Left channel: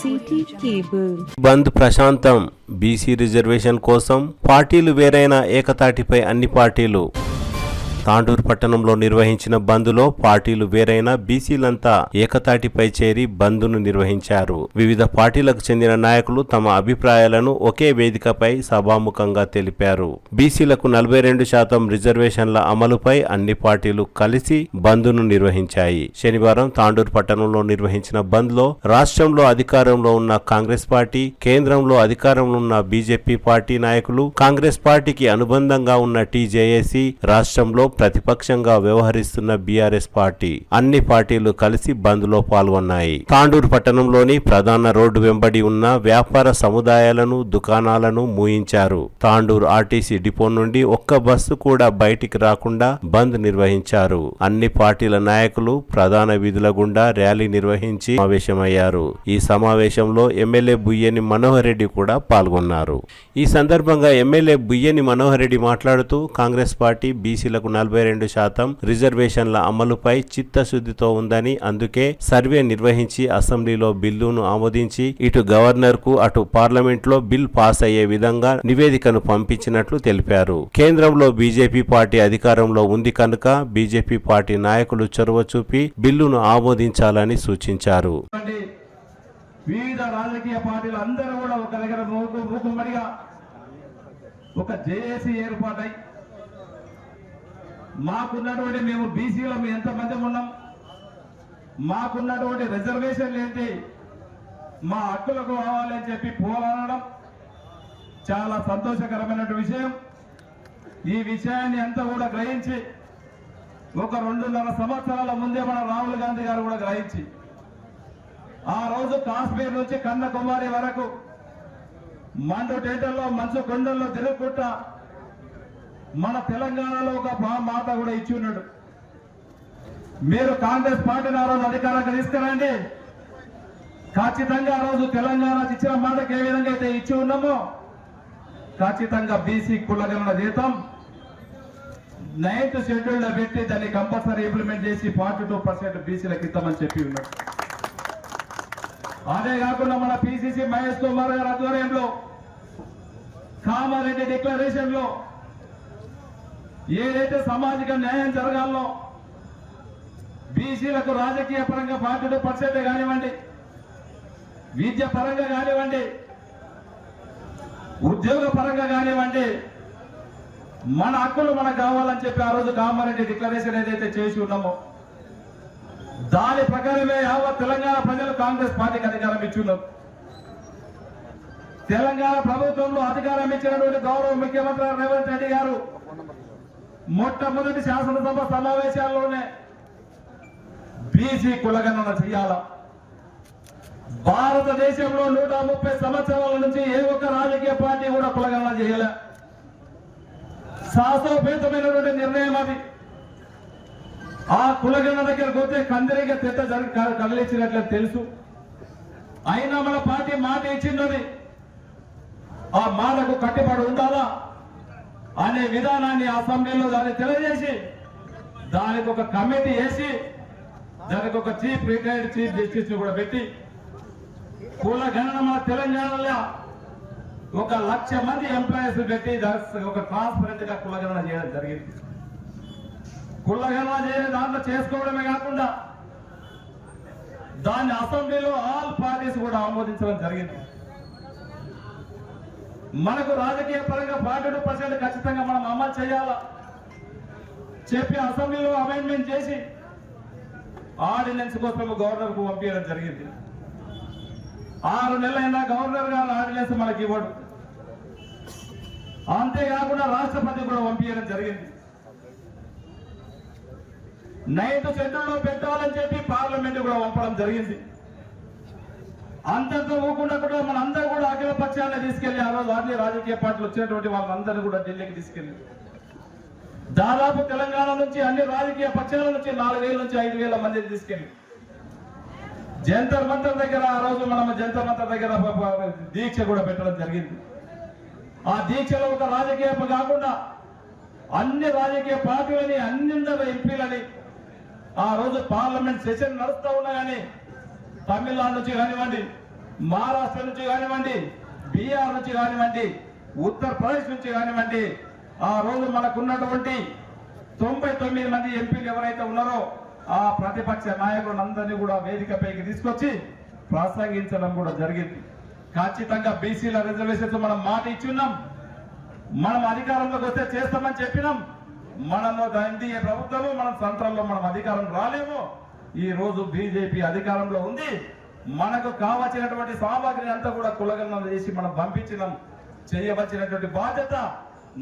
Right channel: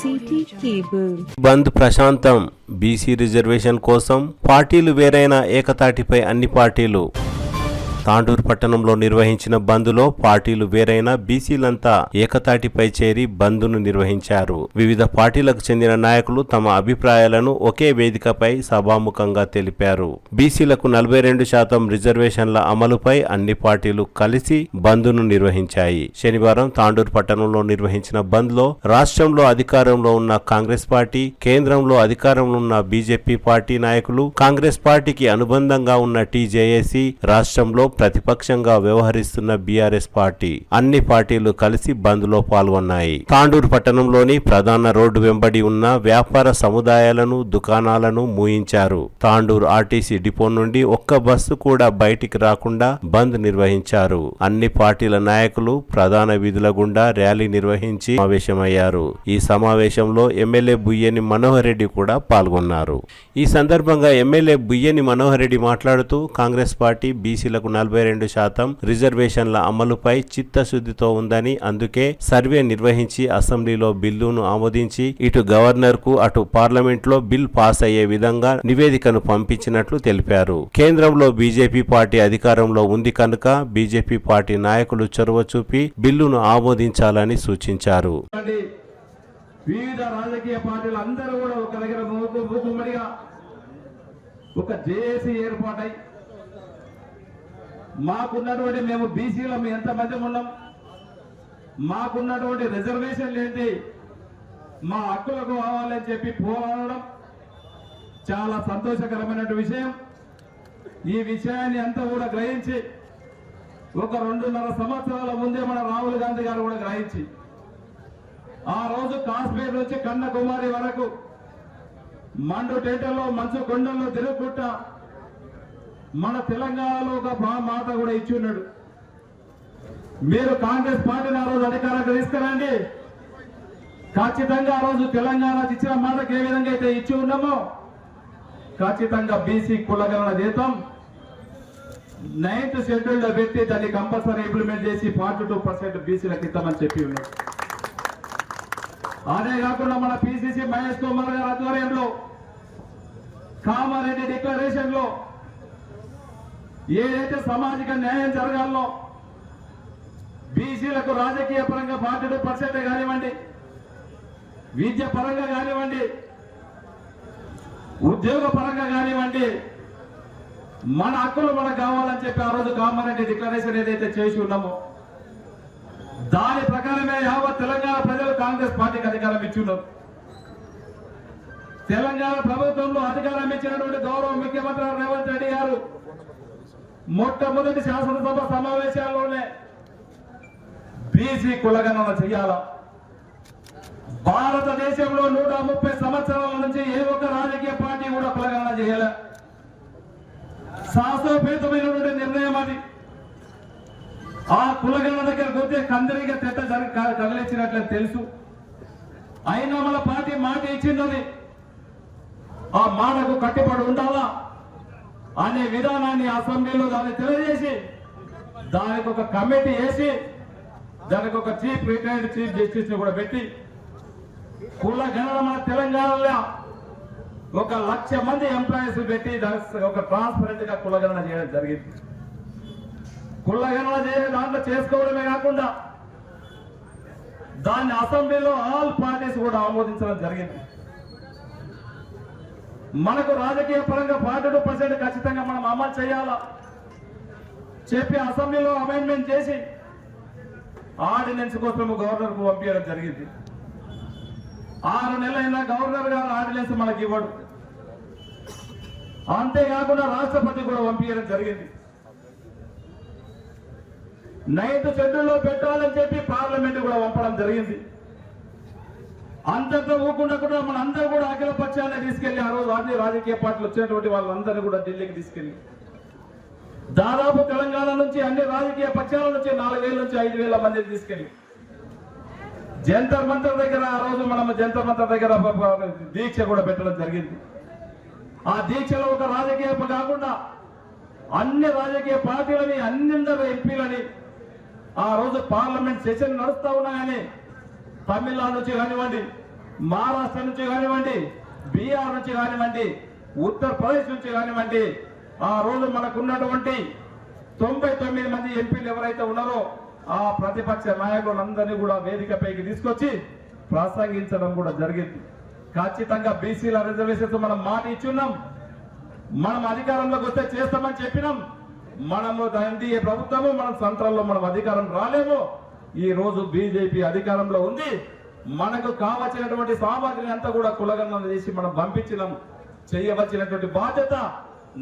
City cable. బంద్ ప్రశాంతం. BC reservation కోసం పార్టీలు వేరైన ఏకతాటిపై అన్ని పార్టీలు. తాండూరు పట్టణంలో నిర్వహించిన బంద్లో పార్టీలు వేరైన బీసీలంతా ఏకతాటిపై చేరి బంద్ను నిర్వహించారు. వివిధ పార్టీలకు చెందిన నాయకులు తమ అభిప్రాయాలను ఒకే వేదికపై సభాముఖంగా తెలిపారు. బీసీలకు 42% రిజర్వేషన్ల అమలుపై అన్ని పార్టీలు కలిసి బంద్ను నిర్వహించాయి. శనివారం తాండూరు పట్టణంలో నిర్వహించిన బంద్లో రాష్ట్రంలో అధికారంలో ఉన్న కాంగ్రెస్ పార్టీ, కేంద్రంలో అధికారంలో ఉన్న బీజేపీ పార్టీ నాయకులు, కాంగ్రెస్ పార్టీకి అనుబంధంగా ఉన్న టీజేఏసీ, రాష్ట్రంలో ప్రతిపక్షంగా వ్యవహరిస్తున్న బీఆర్ఎస్ పార్టీ అన్ని పార్టీలు కలిసి బంద్ లో పాల్గొన్నాయి. తాండూరు పట్టణంలోని ప్రధాన రోడ్డు వెంబడి ఉన్న వ్యాపార సముదాయాలను, దుకాణాలను మూయించారు. తాండూరు ఆర్టీసీ డిపో నుండి ఒక్క బస్సు కూడా బయటికి రాకుండా బంద్ నిర్వహించారు. అన్ని పార్టీల నాయకులు ప్రధాన వీధుల గుండా ర్యాలీ నిర్వహించి సమావేశమయ్యారు. ఈ సమావేశంలో ఎమ్మెల్యే బుయ్యని మనోహర్ రెడ్డి కూడా పాల్గొన్నారు. ఈ సందర్భంగా ఎమ్మెల్యే బుయ్యని మనోహర్ రెడ్డి మాట్లాడుతూ కాంగ్రెస్ పార్టీ బీసీలకు 42% రిజర్వేషన్ల అమలుపై చిత్తశుద్ధితో ఉందని, అందుకే సర్వే నిర్వహించి అసెంబ్లీలో బిల్లును ఆమోదించి ఇటు గవర్నర్ కు అటు పార్లమెంట్ లో బిల్ పాస్ అయ్యే విధంగా నివేదికను పంపించినట్లు తెలిపారు. కేంద్రంలో బీజేపీ పార్టీ అధికారంలో ఉంది కనుక బీజేపీ పార్టీ నాయకులు చొరవ చూపి బిల్లును ఆమోదించాలని సూచించారు. వివిధ రాజకీయ పార్టీలు అందరూ కూడా ఒక దగ్గర మూకుమ్మడిగా ఒక జేఏసీ ఏర్పాటై మాకున్నటువంటి మేము బీసీలో ఎంతమంది ఉన్నాం, మాకున్నటువంటి రిజర్వేషన్లు ఏంటి, మా హక్కులకు కావాలని చెప్పి పోరాడడం చాలా సంతోషకరమైన విషయం. ఈ విషయాన్ని అంతా కూడా గ్రహించి ఒక 2.5 సంవత్సరాల ముందే మన రాహుల్ గాంధీ గారు కూడా గ్రహించి ఆ రోజు కాశ్మీర్ నుంచి కన్యాకుమారి వరకు మండు టేటల్లో మంచు కొండల్లో తిరుగుకుంటా మన తెలంగాణలో ఒక మాట కూడా ఇచ్చి ఉన్నాడు. మీరు కాంగ్రెస్ పార్టీని ఆ రోజు అధికారంగా తీసుకురండి, ఖచ్చితంగా ఆ రోజు తెలంగాణకు ఇచ్చిన మాటకు ఏ విధంగా అయితే ఇచ్చి ఉన్నామో ఖచ్చితంగా బీసీ కులగణన చేద్దాం, 9th షెడ్యూల్ లో పెట్టి దాన్ని కంపల్సరీ ఇంప్లిమెంట్ చేసి 42% బీసీలకు ఇద్దామని చెప్పి ఉన్నాడు. అదే కాకుండా మన పిసిసి మహేష్ కుమార్ గారి ఆధ్వర్యంలో కామారెడ్డి డిక్లరేషన్ లో ఏదైతే సామాజిక న్యాయం జరగాలో, బీసీలకు రాజకీయ పరంగా 42% కానివ్వండి, విద్య పరంగా కానివ్వండి, ఉద్యోగ పరంగా కానివ్వండి, మన హక్కులు మనకు కావాలని చెప్పి ఆ రోజు కామారెడ్డి డిక్లరేషన్ ఏదైతే చేసి ఉన్నామో దాని ప్రకారమే యావత్ తెలంగాణ ప్రజలు కాంగ్రెస్ పార్టీకి అధికారం ఇచ్చున్నారు. తెలంగాణ ప్రభుత్వంలో అధికారం ఇచ్చినటువంటి గౌరవ ముఖ్యమంత్రి రేవంత్ రెడ్డి గారు మొట్టమొదటి శాసనసభ సమావేశాల్లోనే బీసీ కులగణన చేయాల. భారతదేశంలో 130 సంవత్సరాల నుంచి ఏ ఒక్క రాజకీయ పార్టీ కూడా కులగణన చేయాల. సాహసోపేతమైనటువంటి నిర్ణయం అది. ఆ కులగణన దగ్గర పోతే కందరిగా తెట్ట కదిలించినట్లు తెలుసు. అయినా మన పార్టీ మాట ఇచ్చినది, ఆ మాటకు కట్టుబడి ఉండాలా అనే విధానాన్ని అసెంబ్లీలో దాన్ని తెలియజేసి దానికి ఒక కమిటీ వేసి దానికి ఒక రిటైర్డ్ చీఫ్ జస్టిస్ కూడా పెట్టి కుల గణన మన తెలంగాణలో 1,00,000 మంది ఎంప్లాయీస్ పెట్టి దానికి ఒక ట్రాన్స్పరెంట్ గా కులగణన చేయడం జరిగింది. కులగణన దాంట్లో చేసుకోవడమే కాకుండా దాన్ని అసెంబ్లీలో ఆల్ పార్టీస్ కూడా ఆమోదించడం జరిగింది. మనకు రాజకీయ పరంగా 42% ఖచ్చితంగా మనం అమలు చేయాలా చెప్పి అసెంబ్లీలో అమెండ్మెంట్ చేసి ఆర్డినెన్స్ కోసం గవర్నర్ కు పంపించడం జరిగింది. 6 నెలలైనా గవర్నర్ గారు ఆర్డినెన్స్ మనకి ఇవ్వడు. అంతేకాకుండా రాష్ట్రపతి కూడా పంపించడం జరిగింది. 9th షెడ్యూల్లో పెట్టాలని చెప్పి పార్లమెంట్ కూడా పంపడం జరిగింది. అంతతో ఊకుండా కూడా మనందరూ కూడా అఖిల పక్షాన్ని తీసుకెళ్లి ఆ రోజు అన్ని రాజకీయ పార్టీలు వచ్చినటువంటి వాళ్ళందరూ కూడా ఢిల్లీకి తీసుకెళ్లి దాదాపు తెలంగాణ నుంచి అన్ని రాజకీయ పక్షాల నుంచి 4,000 నుంచి 5,000 మందిని తీసుకెళ్లి జంతర్ మంతర్ దగ్గర ఆ రోజు మనం జంతర్ మంతర్ దగ్గర దీక్ష కూడా పెట్టడం జరిగింది. ఆ దీక్షలో ఒక రాజకీయ కాకుండా అన్ని రాజకీయ పార్టీలని, అన్ని ఎంపీలని ఆ రోజు పార్లమెంట్ సెషన్ నడుస్తా ఉన్నాయని తమిళనాడు నుంచి కానివ్వండి, మహారాష్ట్ర నుంచి కానివ్వండి, బీహార్ నుంచి కానివ్వండి, ఉత్తరప్రదేశ్ నుంచి కానివ్వండి, ఆ రోజు మనకున్నటువంటి 99 మంది ఎంపీలు ఎవరైతే ఉన్నారో ఆ ప్రతిపక్ష నాయకులందరినీ కూడా వేదికపైకి తీసుకొచ్చి ప్రసంగించడం కూడా జరిగింది. ఖచ్చితంగా బీసీల రిజర్వేషన్స్ మనం మాట ఇచ్చున్నాం, మనం అధికారంలోకి వస్తే చేస్తామని చెప్పినాం. మనము ఎన్డీఏ ప్రభుత్వము మనం సెంట్రల్లో మనం అధికారం రాలేము. ఈ రోజు బీజేపీ అధికారంలో ఉంది. మనకు కావలసినటువంటి సామాగ్రిని అంతా కూడా కులగణన చేసి మనం పంపించినాం. చేయవలసినటువంటి బాధ్యత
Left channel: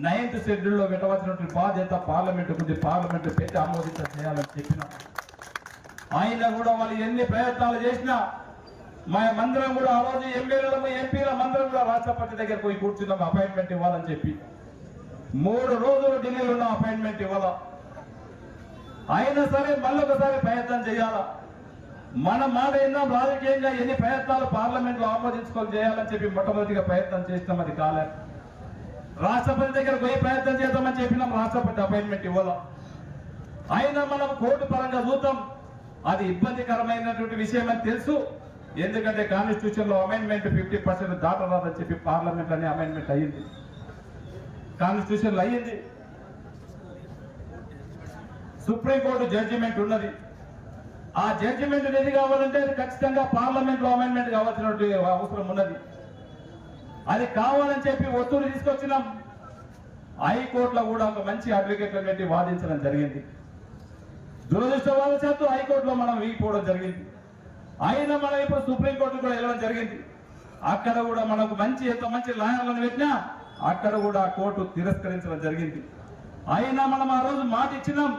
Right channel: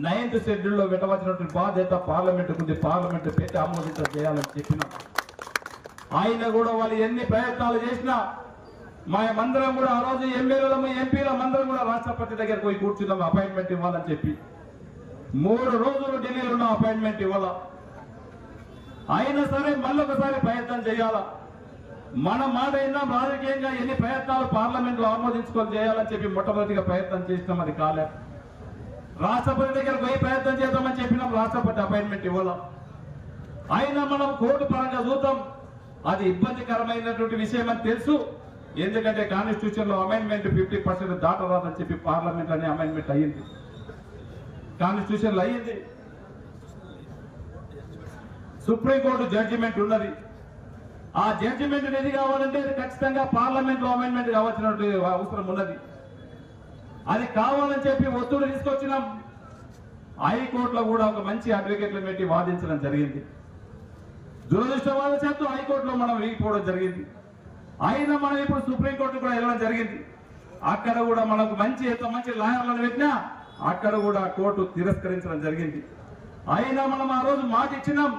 9th షెడ్యూల్లో పెట్టవలసినటువంటి బాధ్యత పార్లమెంట్ ఉంది. పార్లమెంట్ పెట్టి ఆమోదించ చేయాలని చెప్పినాం. ఆయన కూడా వాళ్ళు ఎన్ని ప్రయత్నాలు చేసినా మందరం కూడా ఆ రోజు ఎమ్మెల్యేలము ఎంపీల మందరం కూడా రాష్ట్రపతి దగ్గరికి పోయి కూర్చున్నాం అపాయింట్మెంట్ ఇవ్వాలని చెప్పి. 3 రోజులు ఢిల్లీలో ఉన్న అపాయింట్మెంట్ ఇవ్వాలా. అయినా సరే మళ్ళొకసారి ప్రయత్నం చేయాలా. మన మాట ఏందో రాజకీయంగా ఎన్ని ప్రయత్నాలు పార్లమెంట్ లో ఆమోదించుకొని చేయాలని చెప్పి మొట్టమొదటిగా ప్రయత్నం చేసినాం, అది కాలేదు. రాష్ట్రపతి దగ్గర పోయి ప్రయత్నం చేద్దామని చెప్పినాం, రాష్ట్రపతి అపాయింట్మెంట్ ఇవ్వాలా. అయినా మనం కోర్టు పరంగా చూద్దాం, అది ఇబ్బందికరమైనటువంటి విషయం అని తెలుసు. ఎందుకంటే కాన్స్టిట్యూషన్ లో అమెండ్మెంట్ 50% దాటరాదని చెప్పి పార్లమెంట్ అనే అమెండ్మెంట్ అయ్యింది, కాన్స్టిట్యూషన్ లో అయ్యింది. సుప్రీంకోర్టు జడ్జిమెంట్ ఉన్నది. ఆ జడ్జిమెంట్ ఏది కావాలంటే అది ఖచ్చితంగా పార్లమెంట్ లో అమెండ్మెంట్ కావాల్సినటువంటి అవసరం ఉన్నది. అది కావాలని చెప్పి ఒత్తిడి తీసుకొచ్చినాం. హైకోర్టులో కూడా ఒక మంచి అడ్వకేట్లను పెట్టి వాదించడం జరిగింది. దురదృష్టవశాత్తు హైకోర్టులో మనం వీగిపోవడం జరిగింది. అయినా మనం ఇప్పుడు సుప్రీంకోర్టు కూడా వెళ్ళడం జరిగింది. అక్కడ కూడా మనకు ఎంత మంచి లాయర్లను పెట్టినా అక్కడ కూడా కోర్టు తిరస్కరించడం జరిగింది. అయినా మనం ఆ రోజు మాట ఇచ్చినాం.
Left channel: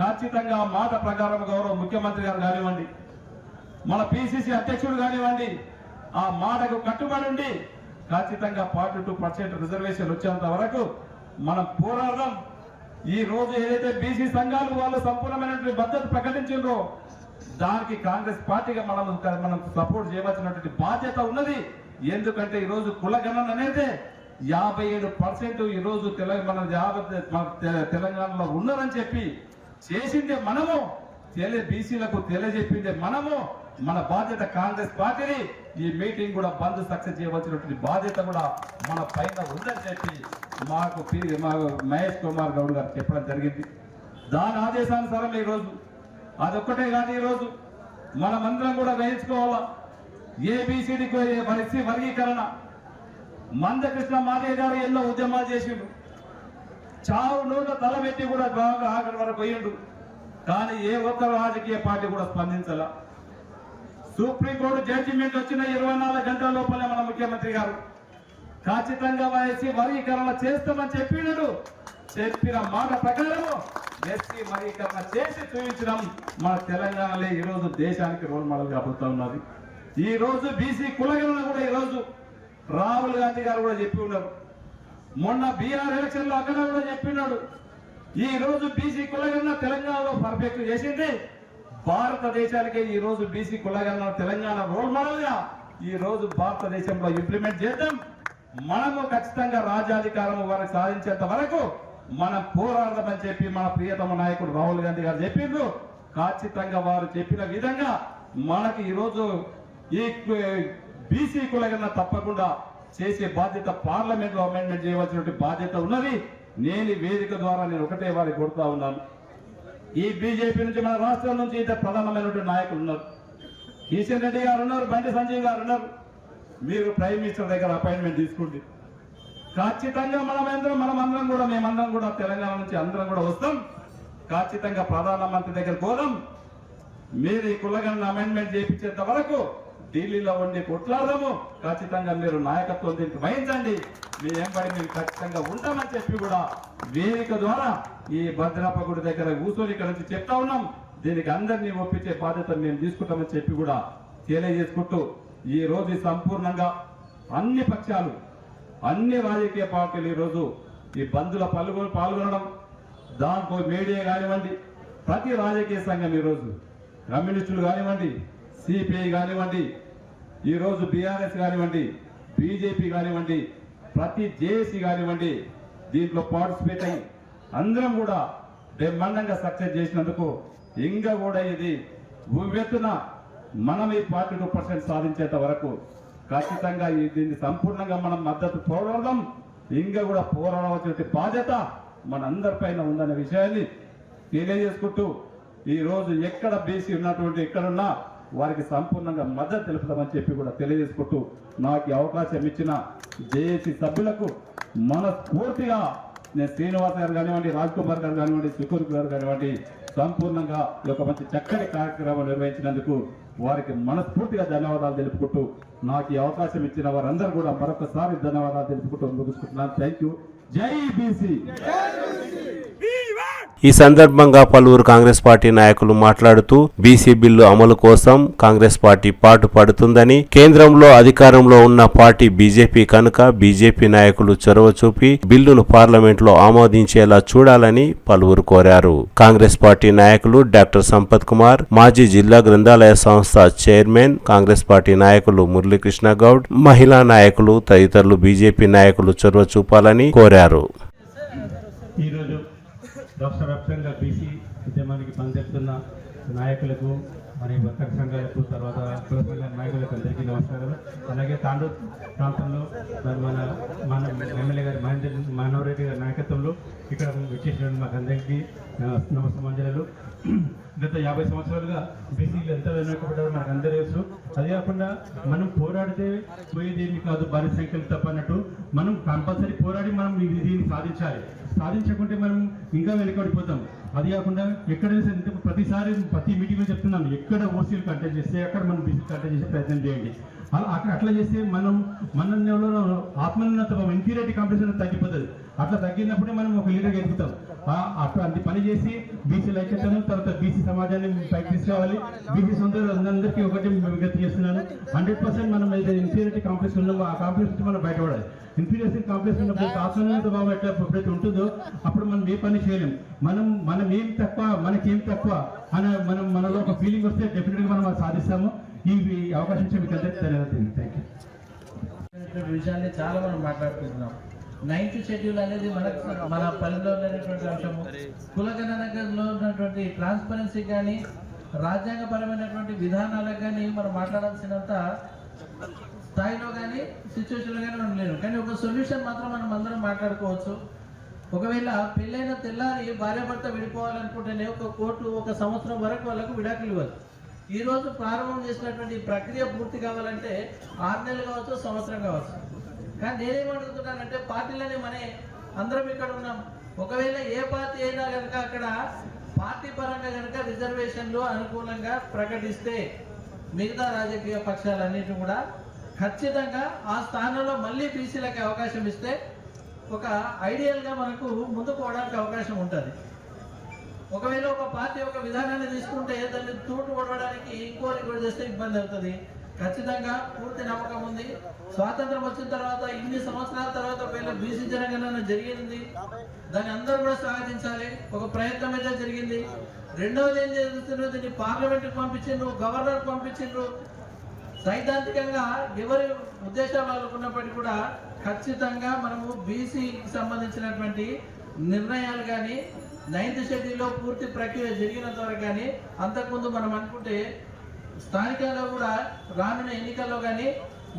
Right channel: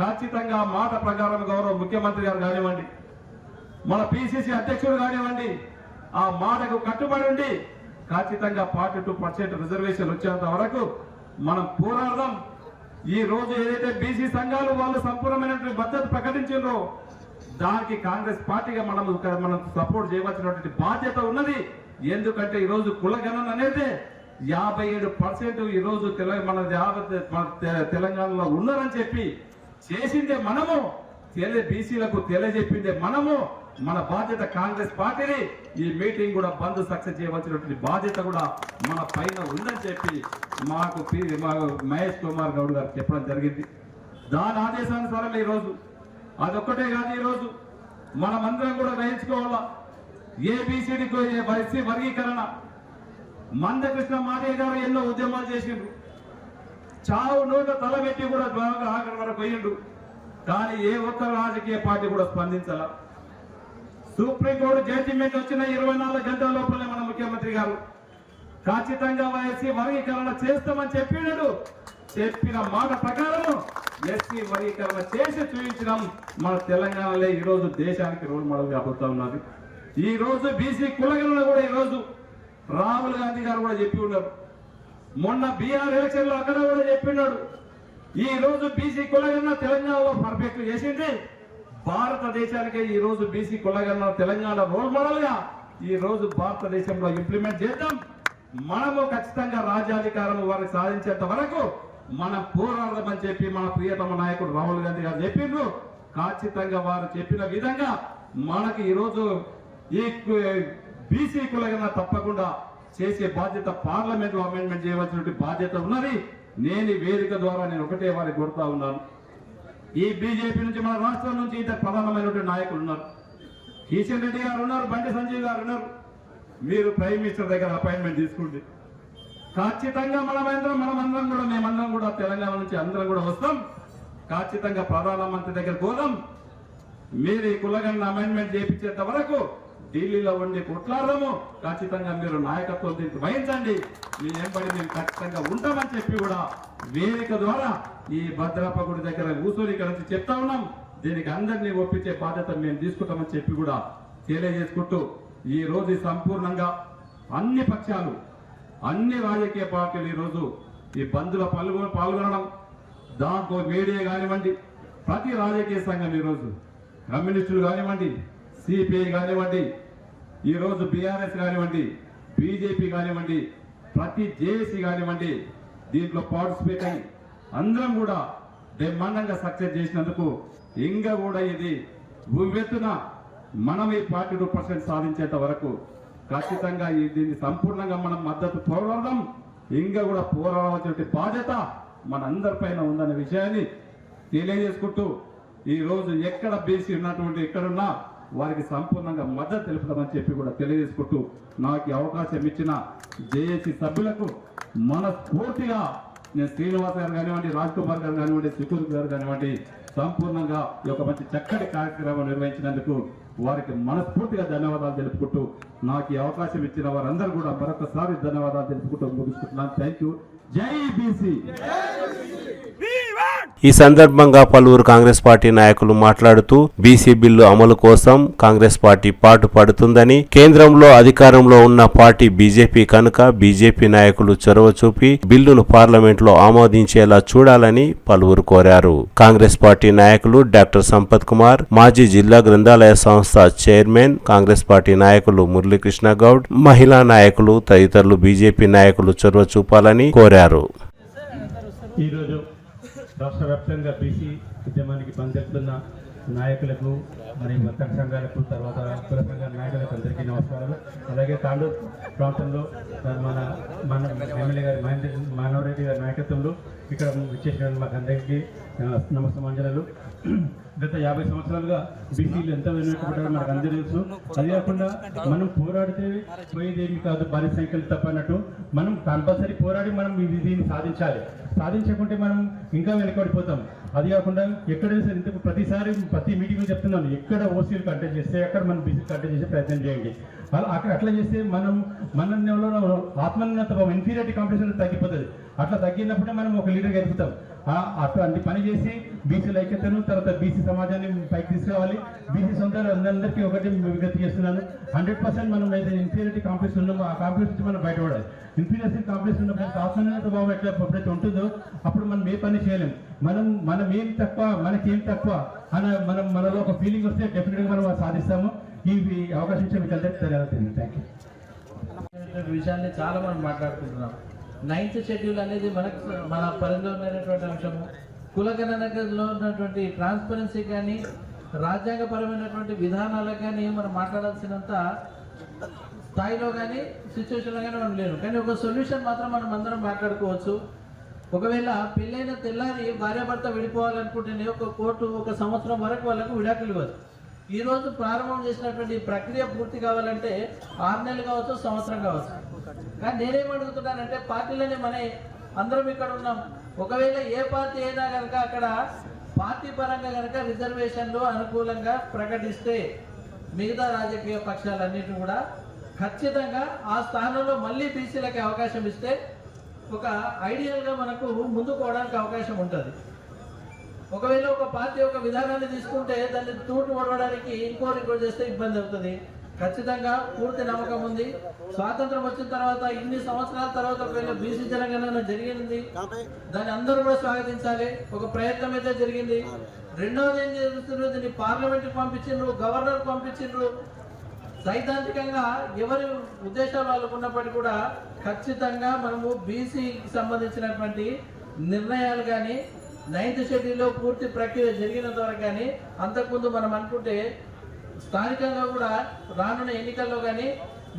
ఖచ్చితంగా మాట ప్రకారం గౌరవ ముఖ్యమంత్రి గారు కానివ్వండి, మన పిసిసి అధ్యక్షుడు కానివ్వండి, ఆ మాటకు కట్టుబడి ఉండి ఖచ్చితంగా 42% రిజర్వేషన్ వచ్చేంత వరకు మనం పోరాడదాం. ఈ రోజు ఏదైతే బీసీ సంఘాలు వాళ్ళు సంపూర్ణమైనటువంటి భద్రత ప్రకటించారో దానికి కాంగ్రెస్ పార్టీగా మనం సపోర్ట్ చేయవలసినటువంటి బాధ్యత ఉన్నది. ఎందుకంటే ఈ రోజు కులగణన అనేది 57% ఈ రోజు తెలంగాణలో ఉన్నారని చెప్పి చేసిందే మనము, బీసీలకు తెలియజెప్పిందే మనము. మన బాధ్యత కాంగ్రెస్ పార్టీని ఈ మీటింగ్ కూడా బంద్ సక్సెస్ చేయవలసినటువంటి బాధ్యత కూడా మన పైన ఉందని చెప్పి మాకు మహేష్ కుమార్ గౌడ్ గారు చెప్పడం జరిగింది. దాని ఆదేశానుసారం ఈ రోజు అదొక్కటే కాదు, ఈ రోజు మనమందరం కూడా గ్రహించుకోవాలా. ఏబిసిడి వర్గీకరణ మందకృష్ణ మాదేవ్ గారు ఎన్నో ఉద్యమాలు చేసిండు, చావు నోట తలబెట్టి కూడా బాగా ఆఖరి వరకు పోయిండు. కానీ ఏ ఒక్క రాజకీయ పార్టీ కూడా స్పందించాల. సుప్రీంకోర్టు జడ్జిమెంట్ వచ్చిన 24 గంటల లోపలే మన ముఖ్యమంత్రి గారు ఖచ్చితంగా ఎస్సీ వర్గీకరణ చేస్తామని చెప్పినాడు. చెప్పిన మాట ప్రకారము ఎస్సీ వర్గీకరణ చేసి చూపించడం మన తెలంగాణలో ఈ రోజు దేశానికి రోల్ మోడల్ కాబోతా ఉన్నది. ఈ రోజు బీసీ కులగణన కూడా ఈ రోజు రాహుల్ గాంధీ గారు కూడా చెప్పి ఉన్నారు. మొన్న బీహార్ ఎలక్షన్ లో అక్కడ కూడా చెప్పినాడు. ఈ రోజు బీసీ కులగణన తెలంగాణలో పర్ఫెక్ట్ చేసింది. భారతదేశానికి ఈ రోజు బీసీ కులగణన తెలంగాణ రోల్ మోడల్ గా ఈ రోజు భారతదేశంలో ఇంప్లిమెంట్ చేద్దాం. మనము ఖచ్చితంగా రాజ్యాధికారం వారికి సాధించేంత వరకు మనం పోరాడదామని చెప్పి మన ప్రియతమ నాయకుడు రాహుల్ గాంధీ గారు చెప్పిండ్రు. ఖచ్చితంగా వారు చెప్పిన విధంగా మనకి ఈరోజు ఈ బీసీ కులగణన తప్పకుండా చేసే బాధ్యత పార్లమెంట్ లో అమెండ్మెంట్ చేయవలసిన బాధ్యత ఉన్నది. నేను ఈ వేదిక ద్వారా ఒకటే వారికి కోరుతా ఉన్నాను. ఈ బీజేపీ నుంచి మన రాష్ట్రం నుంచి ఇద్దరు ప్రధానమైనటువంటి నాయకులు ఉన్నారు. కిషన్ రెడ్డి గారు ఉన్నారు, బండి సంజయ్ గారు ఉన్నారు. మీరు ప్రైమ్ మినిస్టర్ దగ్గర అపాయింట్మెంట్ తీసుకోండి. ఖచ్చితంగా మేమందరం కూడా తెలంగాణ నుంచి అందరం కూడా వస్తాం. ఖచ్చితంగా ప్రధానమంత్రి దగ్గర పోదాం. మీరు ఈ కులగణన అమెండ్మెంట్ చేయించేంత వరకు ఢిల్లీలో ఉండి కొట్లాడదాము. ఖచ్చితంగా మీరు నాయకత్వం దీనికి వహించండి. మీ ఎంబడి మేము ఖచ్చితంగా ఉంటామని చెప్పి కూడా వేదిక ద్వారా ఈ భద్రప్ప గుడి దగ్గర కూర్చొని ఇక్కడ నుంచి చెప్తా ఉన్నాం. దీనికి అందరినీ ఒప్పించే బాధ్యత మేము తీసుకుంటామని చెప్పి కూడా తెలియజేసుకుంటూ ఈ రోజు సంపూర్ణంగా అన్ని పక్షాలు, అన్ని రాజకీయ పార్టీలు ఈ రోజు ఈ బంద్లో పాల్గొనడం, దాంట్లో మీడియా కానివ్వండి, ప్రతి రాజకీయ సంఘం ఈరోజు కమ్యూనిస్టులు కానివ్వండి, సిపిఐ కానివ్వండి, ఈరోజు బీఆర్ఎస్ కానివ్వండి, బీజేపీ కానివ్వండి, ప్రతి జేఏసీ కానివ్వండి, దీంట్లో పార్టిసిపేట్ అయ్యి అందరం కూడా బ్రహ్మాండంగా సక్సెస్ చేసినందుకు ఇంకా కూడా ఇది ఉవ్వెత్తున మనం ఈ 42% సాధించేంత వరకు ఖచ్చితంగా దీన్ని సంపూర్ణంగా మనం మద్దతు పోరాడదాం. ఇంకా కూడా పోరాడాల్సిన బాధ్యత మనందరిపైన ఉందనే విషయాన్ని తెలియజేసుకుంటూ ఈ రోజు ఎక్కడ బీసీ ఉన్నటువంటి ఎక్కడున్నా వారికి సంపూర్ణంగా మద్దతు తెలుపుతామని చెప్పి కూడా తెలియజేసుకుంటూ నాకు అవకాశం ఇచ్చిన జేఏసీ సభ్యులకు మనస్ఫూర్తిగా నేను శ్రీనివాస్ గారు కానివ్వండి, రాజ్ కుమార్ గారు కానివ్వండి, సుకూర్ గారు కానివ్వండి, సంపూర్ణంగా ఈ యొక్క మంచి చక్కటి కార్యక్రమం నిర్వహించినందుకు వారికి మనస్ఫూర్తిగా ధన్యవాదాలు తెలుపుకుంటూ నాకు ఈ అవకాశం ఇచ్చిన వారందరూ కూడా మరొకసారి ధన్యవాదాలు తెలుపుకుంటూ ముగించుకుంటున్నాను. Thank you. జై బీసీ. ఈ సందర్భంగా పలువురు కాంగ్రెస్ పార్టీ నాయకులు మాట్లాడుతూ బీసీ బిల్లు అమలు కోసం కాంగ్రెస్ పార్టీ పాటుపడుతుందని, కేంద్రంలో అధికారంలో ఉన్న పార్టీ బీజేపీ కనుక బీజేపీ నాయకులు చొరవ చూపి బిల్లును పార్లమెంట్లో ఆమోదించేలా చూడాలని పలువురు కోరారు. కాంగ్రెస్ పార్టీ నాయకులు డాక్టర్ సంపత్ కుమార్, మాజీ జిల్లా గ్రంథాలయ సంస్థ చైర్మన్, కాంగ్రెస్ పార్టీ నాయకులు మురళీకృష్ణ గౌడ్, మహిళా నాయకులు తదితరులు బీజేపీ నాయకులు చొరవ చూపాలని కోరారు. ఈరోజు రాష్ట్ర వ్యాప్తంగా బీసీ ఉద్యమానికి పనిచేస్తున్న నాయకులకు మరియు వర్తక సంఘాలకు, తర్వాత కుల సంఘ నాయకులకు అందరికీ నమస్కారాలు. అలాగే తాండూరు ప్రాంతంలో మన ఎమ్మెల్యే గారి మానవరెడ్డి గారి నాయకత్వంలో ఇక్కడ విచ్చేసిన మాకు అందరికీ నమస్కారాలు. గత 50 సంవత్సరాలుగా బీసీలు ఎంత వెనుకబడ్డారో మనకు అందరూ తెలుసు. అది కాకుండా మనం పోరాడితే పోయేదేమి కాదు, భారీ సంఖ్యలు తప్ప అన్నట్టు మనం కంపల్సరీ పోరాడి మనం దీన్ని సాధించాలి. సాధించకుంటే మనం ఇంకా వెనుకబడిపోతాం. అది కాకుండా ఎక్కడైనా ప్రతిసారి ప్రతి మీటింగ్లో చెప్తున్నాను, ఎక్కడ ఓసీలు కంటెక్ట్ చేస్తే అక్కడ మనం బీసీ కంటెక్ట్ చేసే ప్రయత్నం చేయండి. అట్లా చేస్తే మనలో ఆత్మోన్నత ఇన్ఫీరియారిటీ కాంప్లెక్స్ తగ్గిపోతుంది. అట్లా తగ్గినప్పుడే మనం ఒక లీడర్గా ఎదుగుతాం. అటువంటి పని చేసి బీసీల ఐక్యతను, తర్వాత బీసీ సమాజాన్ని పైకి తీసుకురావాలి. బీసీ సొంత అందరికీ ఒకటి విజ్ఞప్తి చేస్తున్నాను, 100% మనం అయితే ఇన్ఫీరియారిటీ కాంప్లెక్స్ ఉన్నామో ఆ కాంప్లెక్స్ నుంచి మనం బయటపడాలి. ఇన్ఫీరియారిటీ కాంప్లెక్స్ ఉన్నప్పుడు ఆత్మీయత భావం ఎప్పుడైతే ఉంటుందో అప్పుడు మనం ఏ పని చేయలేం. మనం ఏం తక్కువ, మనకేం తక్కువ అని మనలో ఒక ఫీలింగ్ వస్తే డెఫినెట్గా మనం సాధిస్తాము. ఈ అవకాశం ఇచ్చే మీకు అందరికీ ధన్యవాదాలు. Thank you. విషయాన్ని చాలా మనం మాట్లాడుకుంటున్నాం. 9th షెడ్యూల్ అనేది మన పరిధిలో ఉన్నటువంటి అంశము. కులగణనలో ఉన్నటువంటి ట్రాన్స్పరెన్సీ కానీ, రాజ్యాంగపరమైనటువంటి విధానాలకు కానీ మనం మాట్లాడాల్సినంత స్థాయిలో కానీ సిచ్యువేషన్లో కానీ మనం లేరు. కానీ ఒక సొల్యూషన్ మాత్రం మనం అందరం మాట్లాడుకోవచ్చు. ఒకవేళ పెళ్ళైన తెల్లారి భార్యాభర్త విడిపోవాలనుకుంటేనే ఒక కోర్టు 1 సంవత్సరం వరకు వాళ్ళకు విడాకులు ఇవ్వదు. ఈరోజు ప్రారంభం చేసినటువంటి ప్రక్రియ పూర్తి కావాలంటే 6 నెలలు కావచ్చు, సంవత్సరం కావచ్చు. కానీ నేనేమడుగుతున్నానంటే పార్టీలని అందరం ఇక్కడ ఉన్నాం. ఒకవేళ ఏ పార్టీ అయినా కనుక అక్కడ పార్టీ పరంగా కనుక రిజర్వేషన్లు అనుకూలంగా ప్రకటిస్తే మిగతా రాజకీయ పక్షాలన్నిటి కూడా ఖచ్చితంగా ఆ స్థానంలో మళ్ళీ బీసీలకి అవకాశం ఇస్తే ఒక ఐడియల్గా మనకు ముందుకు పోవడానికి అవకాశం ఉంటుంది. ఒకవేళ ఒక పార్టీ ఒక విధానాన్ని తీసుకుంటే దాన్ని తూటు పడవడానికి ఇంకోటి చేస్తే ఇబ్బంది అవుతుంది. ఖచ్చితంగా పూర్తి నమ్మకం ఉంది. స్వాతంత్రం వచ్చిన తర్వాత ఇన్ని సంవత్సరాల తర్వాత ఒకవేళ బీసీ జనగణన జరిగింది, దాన్ని అందరూ కూడా స్వాగతించాలి. ఒక ప్రయత్నం అయితే జరిగింది. రెండవది ఏం జరుగుతుందో దీన్ని పార్లమెంట్కి పంపించిండ్రు, గవర్నర్కి పంపించిండ్రు. సైద్ధాంతికంగా ఎవరి ఉద్దేశాలు వాళ్ళకు ఉన్నప్పటికీ కూడా ఖచ్చితంగా మనము బీసీకి సంబంధించినటువంటి నిర్ణయాలు కానీ 9th షెడ్యూల్లో పూర్తి ప్రక్రియ జరిగినంత వరకు కానీ, అంతకుముందు మనం అనుకుంటే స్థానికంగా కూడా రానున్న ఎన్నికల్లో కానీ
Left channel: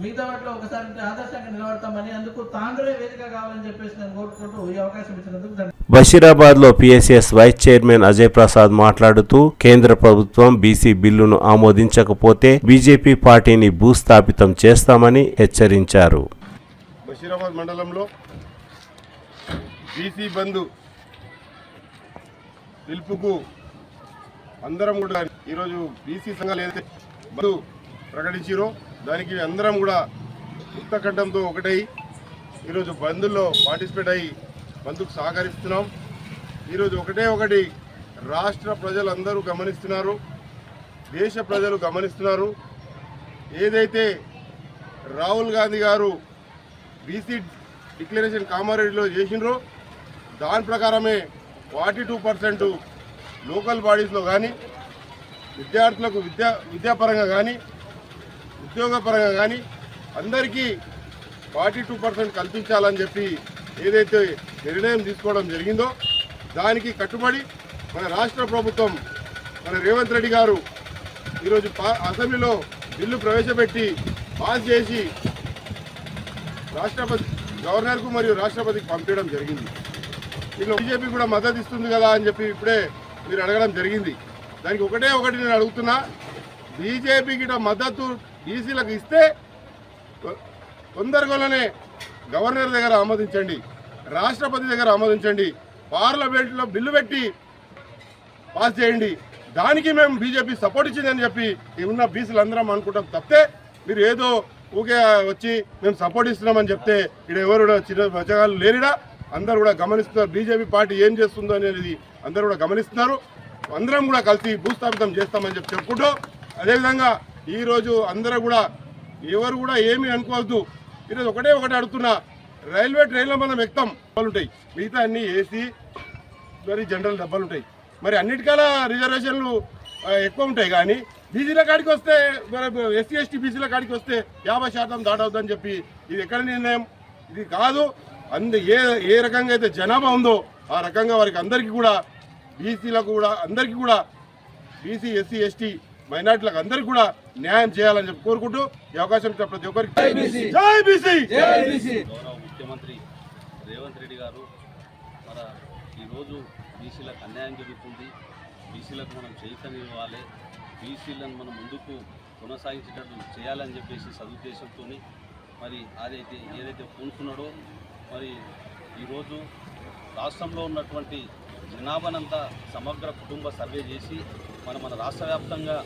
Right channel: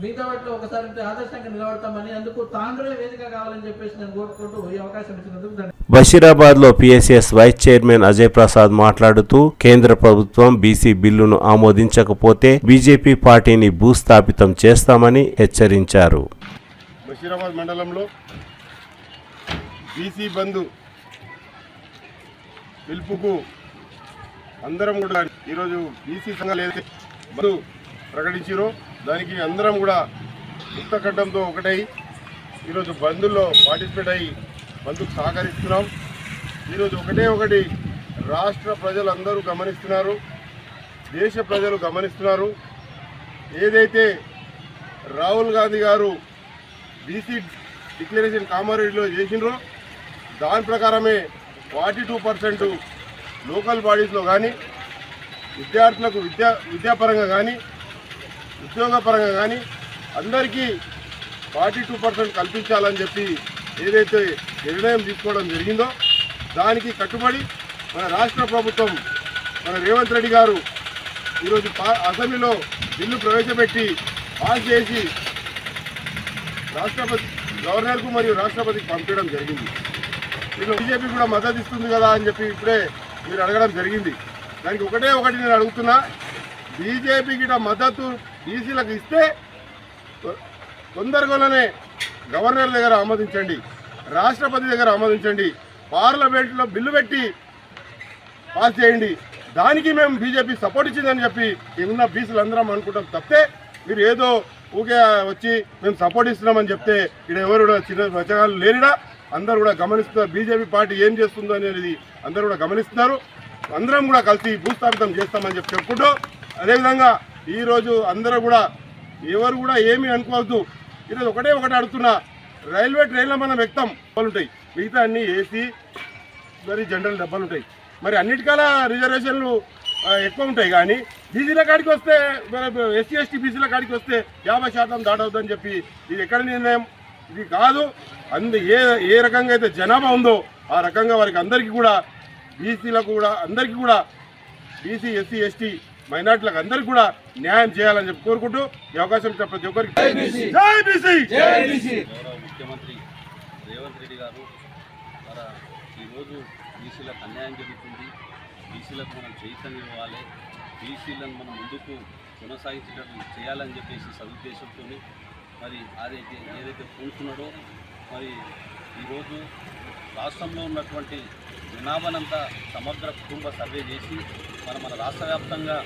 మిగతా వాటిలో ఒకసారి ఆదర్శంగా నిలబడతామని, అందుకు తాండ్రులే వేదిక కావాలని చెప్పేసి నేను కోరుకుంటూ ఈ అవకాశం ఇచ్చినందుకు బషీరాబాద్ లో PSS vice chairman Ajay Prasad మాట్లాడుతూ కేంద్ర ప్రభుత్వం బీసీ బిల్లును ఆమోదించకపోతే బీజేపీ పార్టీని భూస్థాపితం చేస్తామని హెచ్చరించారు. బషీరాబాద్ మండలంలో బీసీ బంధు పిలుపుకు అందరం కూడా ఈరోజు బీసీ సంఘాలు ఏదైతే బంధు ప్రకటించారో దానికి అందరం కూడా ముక్తకంఠంతో ఒకటై ఈరోజు బంధుల్లో పార్టిసిపేట్ అయ్యి బంధుకు సహకరిస్తున్నాం. ఈరోజు ఒకటి రాష్ట్ర ప్రజలందరూ గమనిస్తున్నారు, దేశ ప్రజలు గమనిస్తున్నారు. ఏదైతే రాహుల్ గాంధీ గారు బీసీ డిక్లరేషన్ కామారెడ్డిలో చేసినారో దాని ప్రకారమే 42% లోకల్ బాడీస్లో కానీ, విద్యార్థులకు విద్యాపరంగా కానీ, ఉద్యోగపరంగా కానీ అందరికీ 42% కల్పించాలని చెప్పి ఏదైతే నిర్ణయం తీసుకోవడం జరిగిందో దానికి కట్టుబడి మన రాష్ట్ర ప్రభుత్వం, మన రేవంత్ రెడ్డి గారు ఈరోజు అసెంబ్లీలో బిల్లు ప్రవేశపెట్టి పాస్ చేసి గవర్నర్కు మరియు రాష్ట్రపతికి పంపించడం జరిగింది. వీళ్ళు బీజేపీ కూడా మద్దతు ఇస్తుంది కదా అని చెప్పి ఇప్పుడే మీరు అడగడం జరిగింది. దానికి ఒకటి నేను అడుగుతున్నా, బీజేపీకి మద్దతు బీసీలకు ఇస్తే తొందరగానే గవర్నర్ దగ్గర ఆమోదించండి, రాష్ట్రపతి దగ్గర ఆమోదించండి, పార్లమెంట్లో బిల్లు పెట్టి పాస్ చేయండి. దానికి మేము బీజేపీ సపోర్ట్ ఇచ్చిందని చెప్పి ఉన్న బీసీలు అందరం అనుకుంటాం తప్పితే మీరు ఏదో ఊకే వచ్చి మేము సపోర్ట్ ఇస్తున్నామని చెప్తే ఇక్కడ ఎవరు కూడా చిన్న మచ్చగాళ్ళు లేనిడా అందరూ కూడా గమనిస్తున్నారు. బీజేపీ పార్టీ ఏం చేస్తుందో అనేది అందరూ కూడా గమనిస్తున్నారు. అందరం కూడా కలిసి భూస్థాపితం చేస్తామని చెప్పి చెప్పుకుంటూ, అదేవిధంగా ఈరోజు అందరూ కూడా ఎవరు కూడా ఏమీ అనుకోవద్దు. ఈరోజు ఒకటి అడుగుతున్నా, రైల్వే ట్రైన్లో మనం ఎక్కుతాం డబ్బాలు ఉంటాయి, మిగతా అన్ని ఏసీ మరి జనరల్ డబ్బాలు ఉంటాయి. మరి అన్నిటికల్లా రిజర్వేషన్లు ఎక్కువ ఉంటాయి. కానీ బీసీల కాడికి వస్తే ఎస్సీ ఎస్టీ బీసీల కాడికి వస్తే 50% దాటవుతుందని చెప్పి ఇది ఎక్కడ నిర్ణయం? ఇది కాదు. ఏ రకంగా అయితే జనాభా ఉందో ఆ రకంగా వారికి అందరికీ కూడా బీసీలకు కూడా అందరికీ కూడా బీసీ ఎస్సీ ఎస్టీ మైనార్టీలకు అందరికీ కూడా న్యాయం చేయాలని చెప్పి కోరుకుంటూ ఈ అవకాశం ఇచ్చిన ప్రతి ఒక్కరికి జై బీసీ. ముఖ్యమంత్రి రేవంత్ రెడ్డి గారు మన ఈరోజు బీసీలకు అన్యాయం జరుగుతుంది, బీసీలకు మనం చైతన్యం ఇవ్వాలి, బీసీలను మనం ముందుకు కొనసాగించేటట్టు చేయాలని చెప్పేసి సదుద్దేశంతో మరి ఏదైతే పూనుకున్నాడో మరి ఈరోజు రాష్ట్రంలో ఉన్నటువంటి జనాభానంతా సమగ్ర కుటుంబ సర్వే చేసి మన రాష్ట్ర వ్యాప్తంగా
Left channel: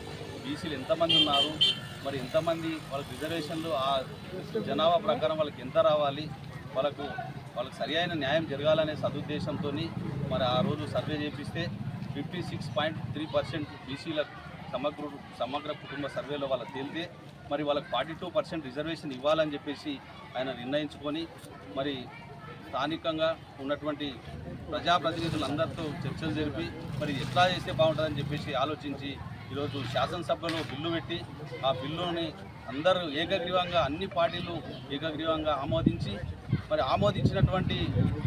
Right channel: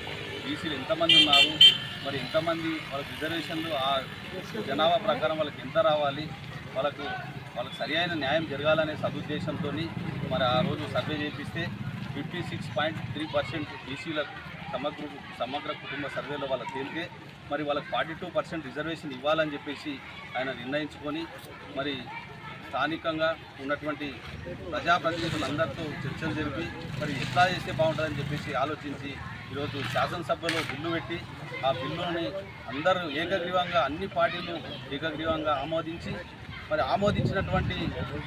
బీసీలు ఎంతమంది ఉన్నారు, మరి ఎంతమంది వాళ్ళకి రిజర్వేషన్లు ఆ జనాభా ప్రకారం వాళ్ళకి ఎంత రావాలి, వాళ్ళకు సరి అయిన న్యాయం జరగాలనే సదుద్దేశంతో మరి ఆ రోజు సర్వే చేపిస్తే 56.3% బీసీలకు సమగ్ర కుటుంబ సర్వేలో వాళ్ళకి తేలితే మరి వాళ్ళకి 42% రిజర్వేషన్ ఇవ్వాలని చెప్పేసి ఆయన నిర్ణయించుకొని మరి స్థానికంగా ఉన్నటువంటి ప్రజాప్రతినిధులందరితో చర్చలు జరిపి మరి ఎట్లా చేస్తే బాగుంటుందని చెప్పేసి ఆలోచించి ఈరోజు శాసనసభలో బిల్లు పెట్టి ఆ బిల్లుని అందరూ ఏకగ్రీవంగా అన్ని పార్టీలు ఏకగ్రీవంగా ఆమోదించి మరి ఆమోదించినటువంటి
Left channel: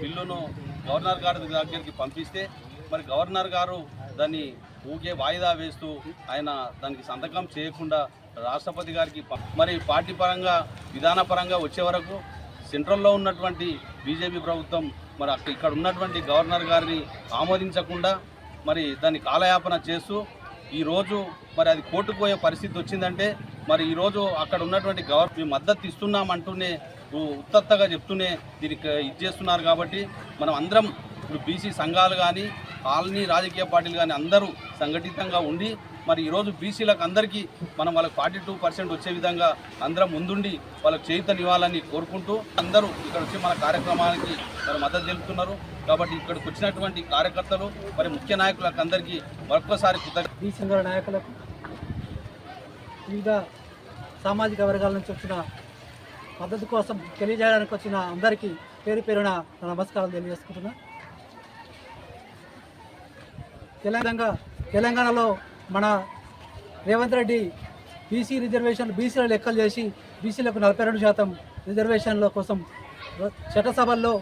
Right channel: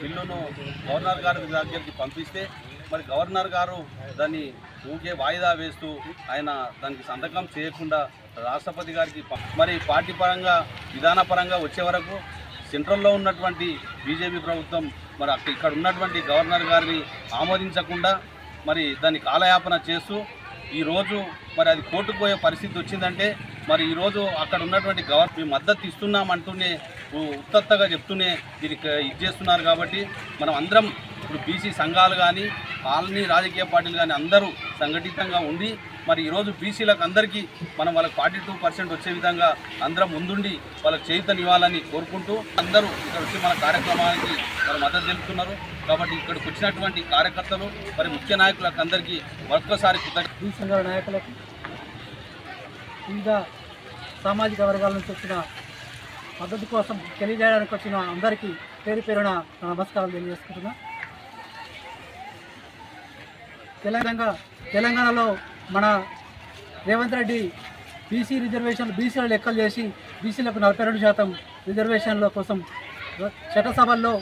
బిల్లును గవర్నర్ గారి దగ్గరికి పంపిస్తే మరి గవర్నర్ గారు దాన్ని ఊకే వాయిదా వేస్తూ ఆయన దానికి సంతకం చేయకుండా రాష్ట్రపతి గారికి మరి పార్టీ పరంగా విధానపరంగా వచ్చే వరకు సెంట్రల్లో ఉన్నటువంటి బీజేపీ ప్రభుత్వం మరి ఇక్కడ ఉన్నటువంటి గవర్నర్ గారిని ఆమోదించకుండా మరి దాన్ని కాలయాపన చేస్తూ ఈరోజు మరి అది కోర్టుకు పోయే పరిస్థితి వచ్చిందంటే మరి ఈరోజు అక్కడ ఉన్నటువంటి మేము మద్దతు ఇస్తున్నామంటూనే ఉత్తత్తగా చెప్తూనే దీనికి ఇది చేస్తున్నారు. కాబట్టి మనం అందరం ఇప్పుడు బీసీ సంఘాలు కానీ కాలనీ రాజకీయ పార్టీలు కానీ అందరూ సంఘటితంగా ఉండి మరి ఈరోజు బీసీలకు అందరికీ మనం వాళ్ళకి 42% వచ్చే విధంగా అందరం ముందుండి వాళ్ళకి చైతన్యవాలని కోరుకుంటూ అందరూ ఇక్కడ వచ్చి మన కార్యక్రమానికి మరి మద్దతు తెలుపుతున్నారు. కాబట్టి ఇక్కడికి వచ్చినటువంటి కార్యకర్తలు మరి ముఖ్య నాయకులకు అందరికీ మరొక్కసారి బీసీ సంఘాల నాయకులకు వివిధ సామాజిక వర్గాల నుంచి వచ్చిన మద్దతు కోసం తెలియజేయడానికి వచ్చిన అందరికీ పేరు పేరున నమస్కారాలు తెలియజేసుకుంటున్నా. తెలంగాణలో మన రేవంత్ రెడ్డి బీసీ రిజర్వేషన్లు బీసీల లెక్కలు చేసి బీసీలకు 42% రిజర్వేషన్ల కోసం చట్టసభల్లో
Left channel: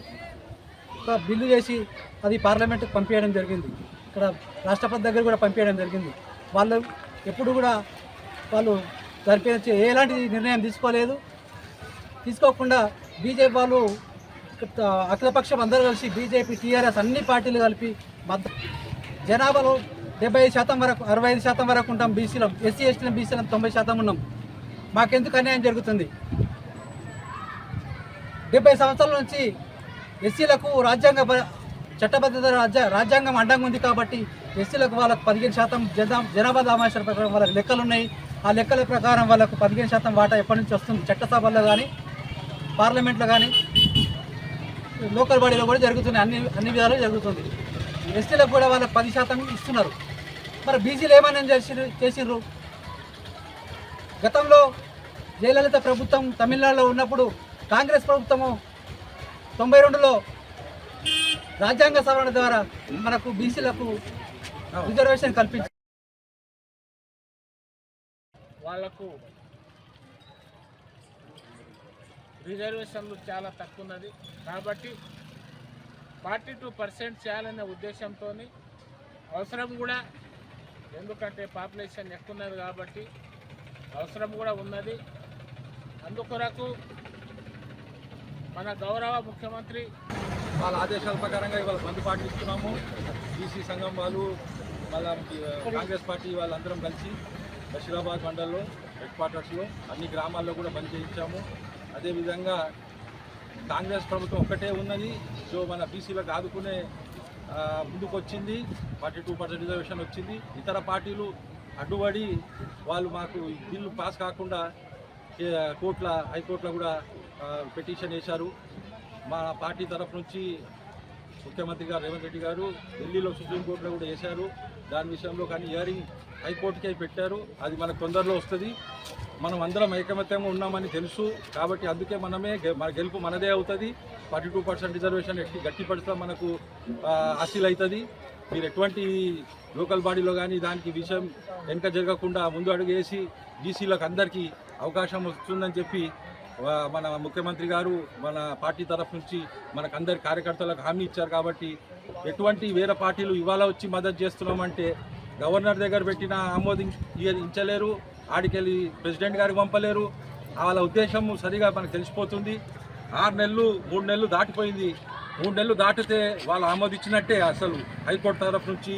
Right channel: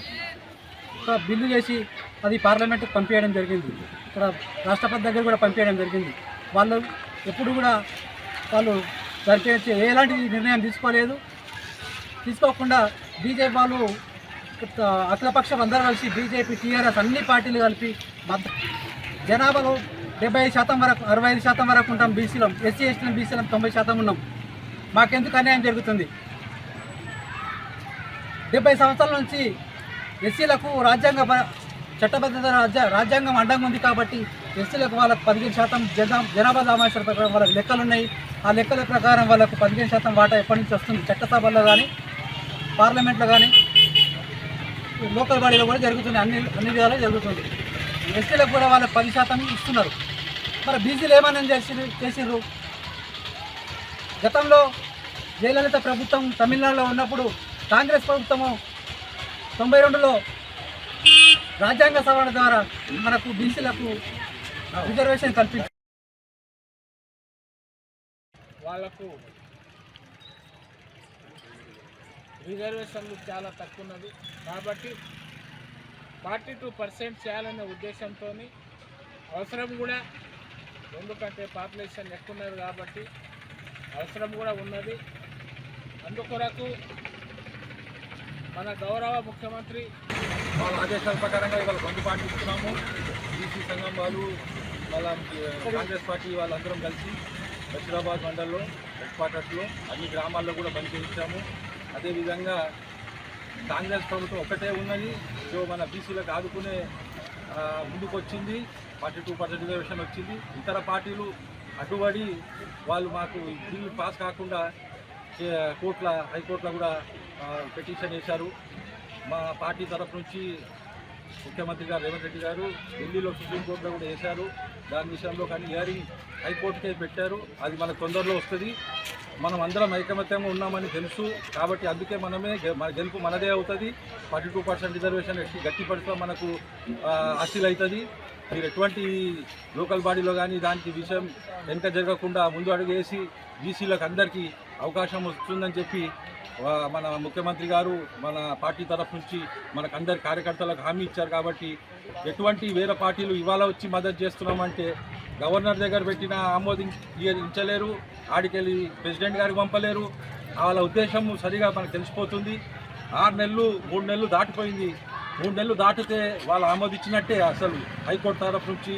ఒక బిల్లు చేసి అది పార్లమెంట్కి పంపించడం జరిగింది. ఇక్కడ రాష్ట్రపతి దగ్గర కూడా పంపించడం జరిగింది. వాళ్ళు ఎప్పుడు కూడా వాళ్ళు దానికి ఎలాంటి నిర్ణయం తీసుకోకుండా బీజేపీ వాళ్ళు అఖిలపక్షం అందరూ కలిసి బీజేపీ టీఆర్ఎస్ అన్ని పార్టీలు కలిపి జనాభాలో 75% వరకు 65% వరకు ఉంటాం. బీసీలో ఎస్సీ ఎస్టీలం బీసీలం 90% ఉన్నాం. మాకెందుకు అన్యాయం జరుగుతుంది? 70 సంవత్సరాల నుంచి ఎస్సీలకు చట్టబద్ధత రాజ్యాంగం అడ్డంగా ఉంది. కాబట్టి ఎస్సీలకు వాళ్ళకు 15% జనాభా దామాషాల ప్రకారం వాళ్ళకి లెక్కలు ఉన్నాయి. ఆ లెక్కల ప్రకారం వాళ్ళకు 15% వాటా ఎప్పటి నుంచి వస్తుంది. చట్టసభల్లో కానీ పార్లమెంట్లో కానీ లోకల్ బాడీలో కూడా జరుగుతుంది. అన్ని విధాలు జరుగుతుంది. ఎస్టీలకు కూడా వాళ్ళకి 10% ఇస్తున్నారు. మరి బీసీలు ఏమైనా చేసిర్రు? గతంలో జయలలిత ప్రభుత్వం తమిళనాడులో ఉన్నప్పుడు కాంగ్రెస్ ప్రభుత్వము 92లో రాజ్యాంగ సవరణ ద్వారా మనకు బీసీలకు రిజర్వేషన్ కల్పించారు. వాళ్లకు రిజర్వేషన్లు చాలా తక్కువ ఉన్నది. కాబట్టి 42% చేయాలనే ఉద్దేశంతో అవసరం కూడా, ఎందుకంటే పాపులేషన్ ఎక్కువ ఉన్నది కాబట్టి అవసరం కూడా ఉన్నది. అందుకొరకు మన గౌరవ ముఖ్యమంత్రి వాళ్ళ ఆదేశాల ప్రకారంగా ఇవాళ బంద్ పాటిస్తున్నాము. బీసీ సంఘం వాళ్ళు, వాళ్ళ కాంగ్రెస్ పార్టీ వాళ్ళందరం కలిసి బషీరాబాద్ మండలంలో హెడ్ క్వార్టర్స్లో అన్ని గ్రామాల్లో కూడా బంద్ చేయించాము. అదేవిధంగా కాంగ్రెస్ ప్రభుత్వం ఒక్కటే ఉన్నది, సో మన బీసీలకు ఆదుకునే ముందుకు వచ్చింది. 42% రిజర్వేషన్ వచ్చింది. ఇతర పార్టీలు అడ్డుపడి వాళ్ళు మాకు బిల్లు పాస్ కాకుండా హైకోర్టులో కూడా పిటిషన్ వేశారు. మా పార్టీ తరఫు నుంచి ముఖ్యమంత్రి గారు రేవంత్ రెడ్డి గారు ఢిల్లీలో సుప్రీంకోర్టులో కూడా వేశారు. దాని విషయంలో కానీ హియరింగ్ హైకోర్టుకే పెట్టారు. అది మనకు తొందరలో వస్తుంది. మనం అందరం ఐకమత్యంగా ఉన్నామని తెలుసు కాబట్టి అందుకే మన గెలుపు మనదే అవుతుంది. 42% రిజర్వేషన్ గట్టి పడితే మనకు హాసిల్ అవుతుంది. మీరు ఎటువంటి లోకల్ బాడీలో కానీ దానికి విషయం వెనుక జరగకుండా ముందు అడుగు వేసి బీసీలకు అందరికీ అవకాశం వస్తుందని చెప్పి మన ముఖ్యమంత్రి గారు మన పార్టీ తరఫు నుంచి మనకందరి కార్యకర్తలకు హామీ ఇచ్చారు. కాబట్టి ఎటువంటి వేరే పార్టీలు ఇవాళ వచ్చి మద్దతు చేస్తున్నామంటే గవర్నర్ దగ్గర పెట్టిన ఆమోదించలేరు, ఆడికెళ్ళి ప్రెసిడెంట్ గారికి పంపలేరు. వాళ్ళ ఉద్దేశం సరిగా మనకు తెలిసిపోతుంది. 6 నెలలు 3 నెలలు దాటిపోయింది. 3 నెలలు దాటితే వాళ్ళు ఆమోదించినట్టే. అసలు హైకోర్టు తరఫు నుంచి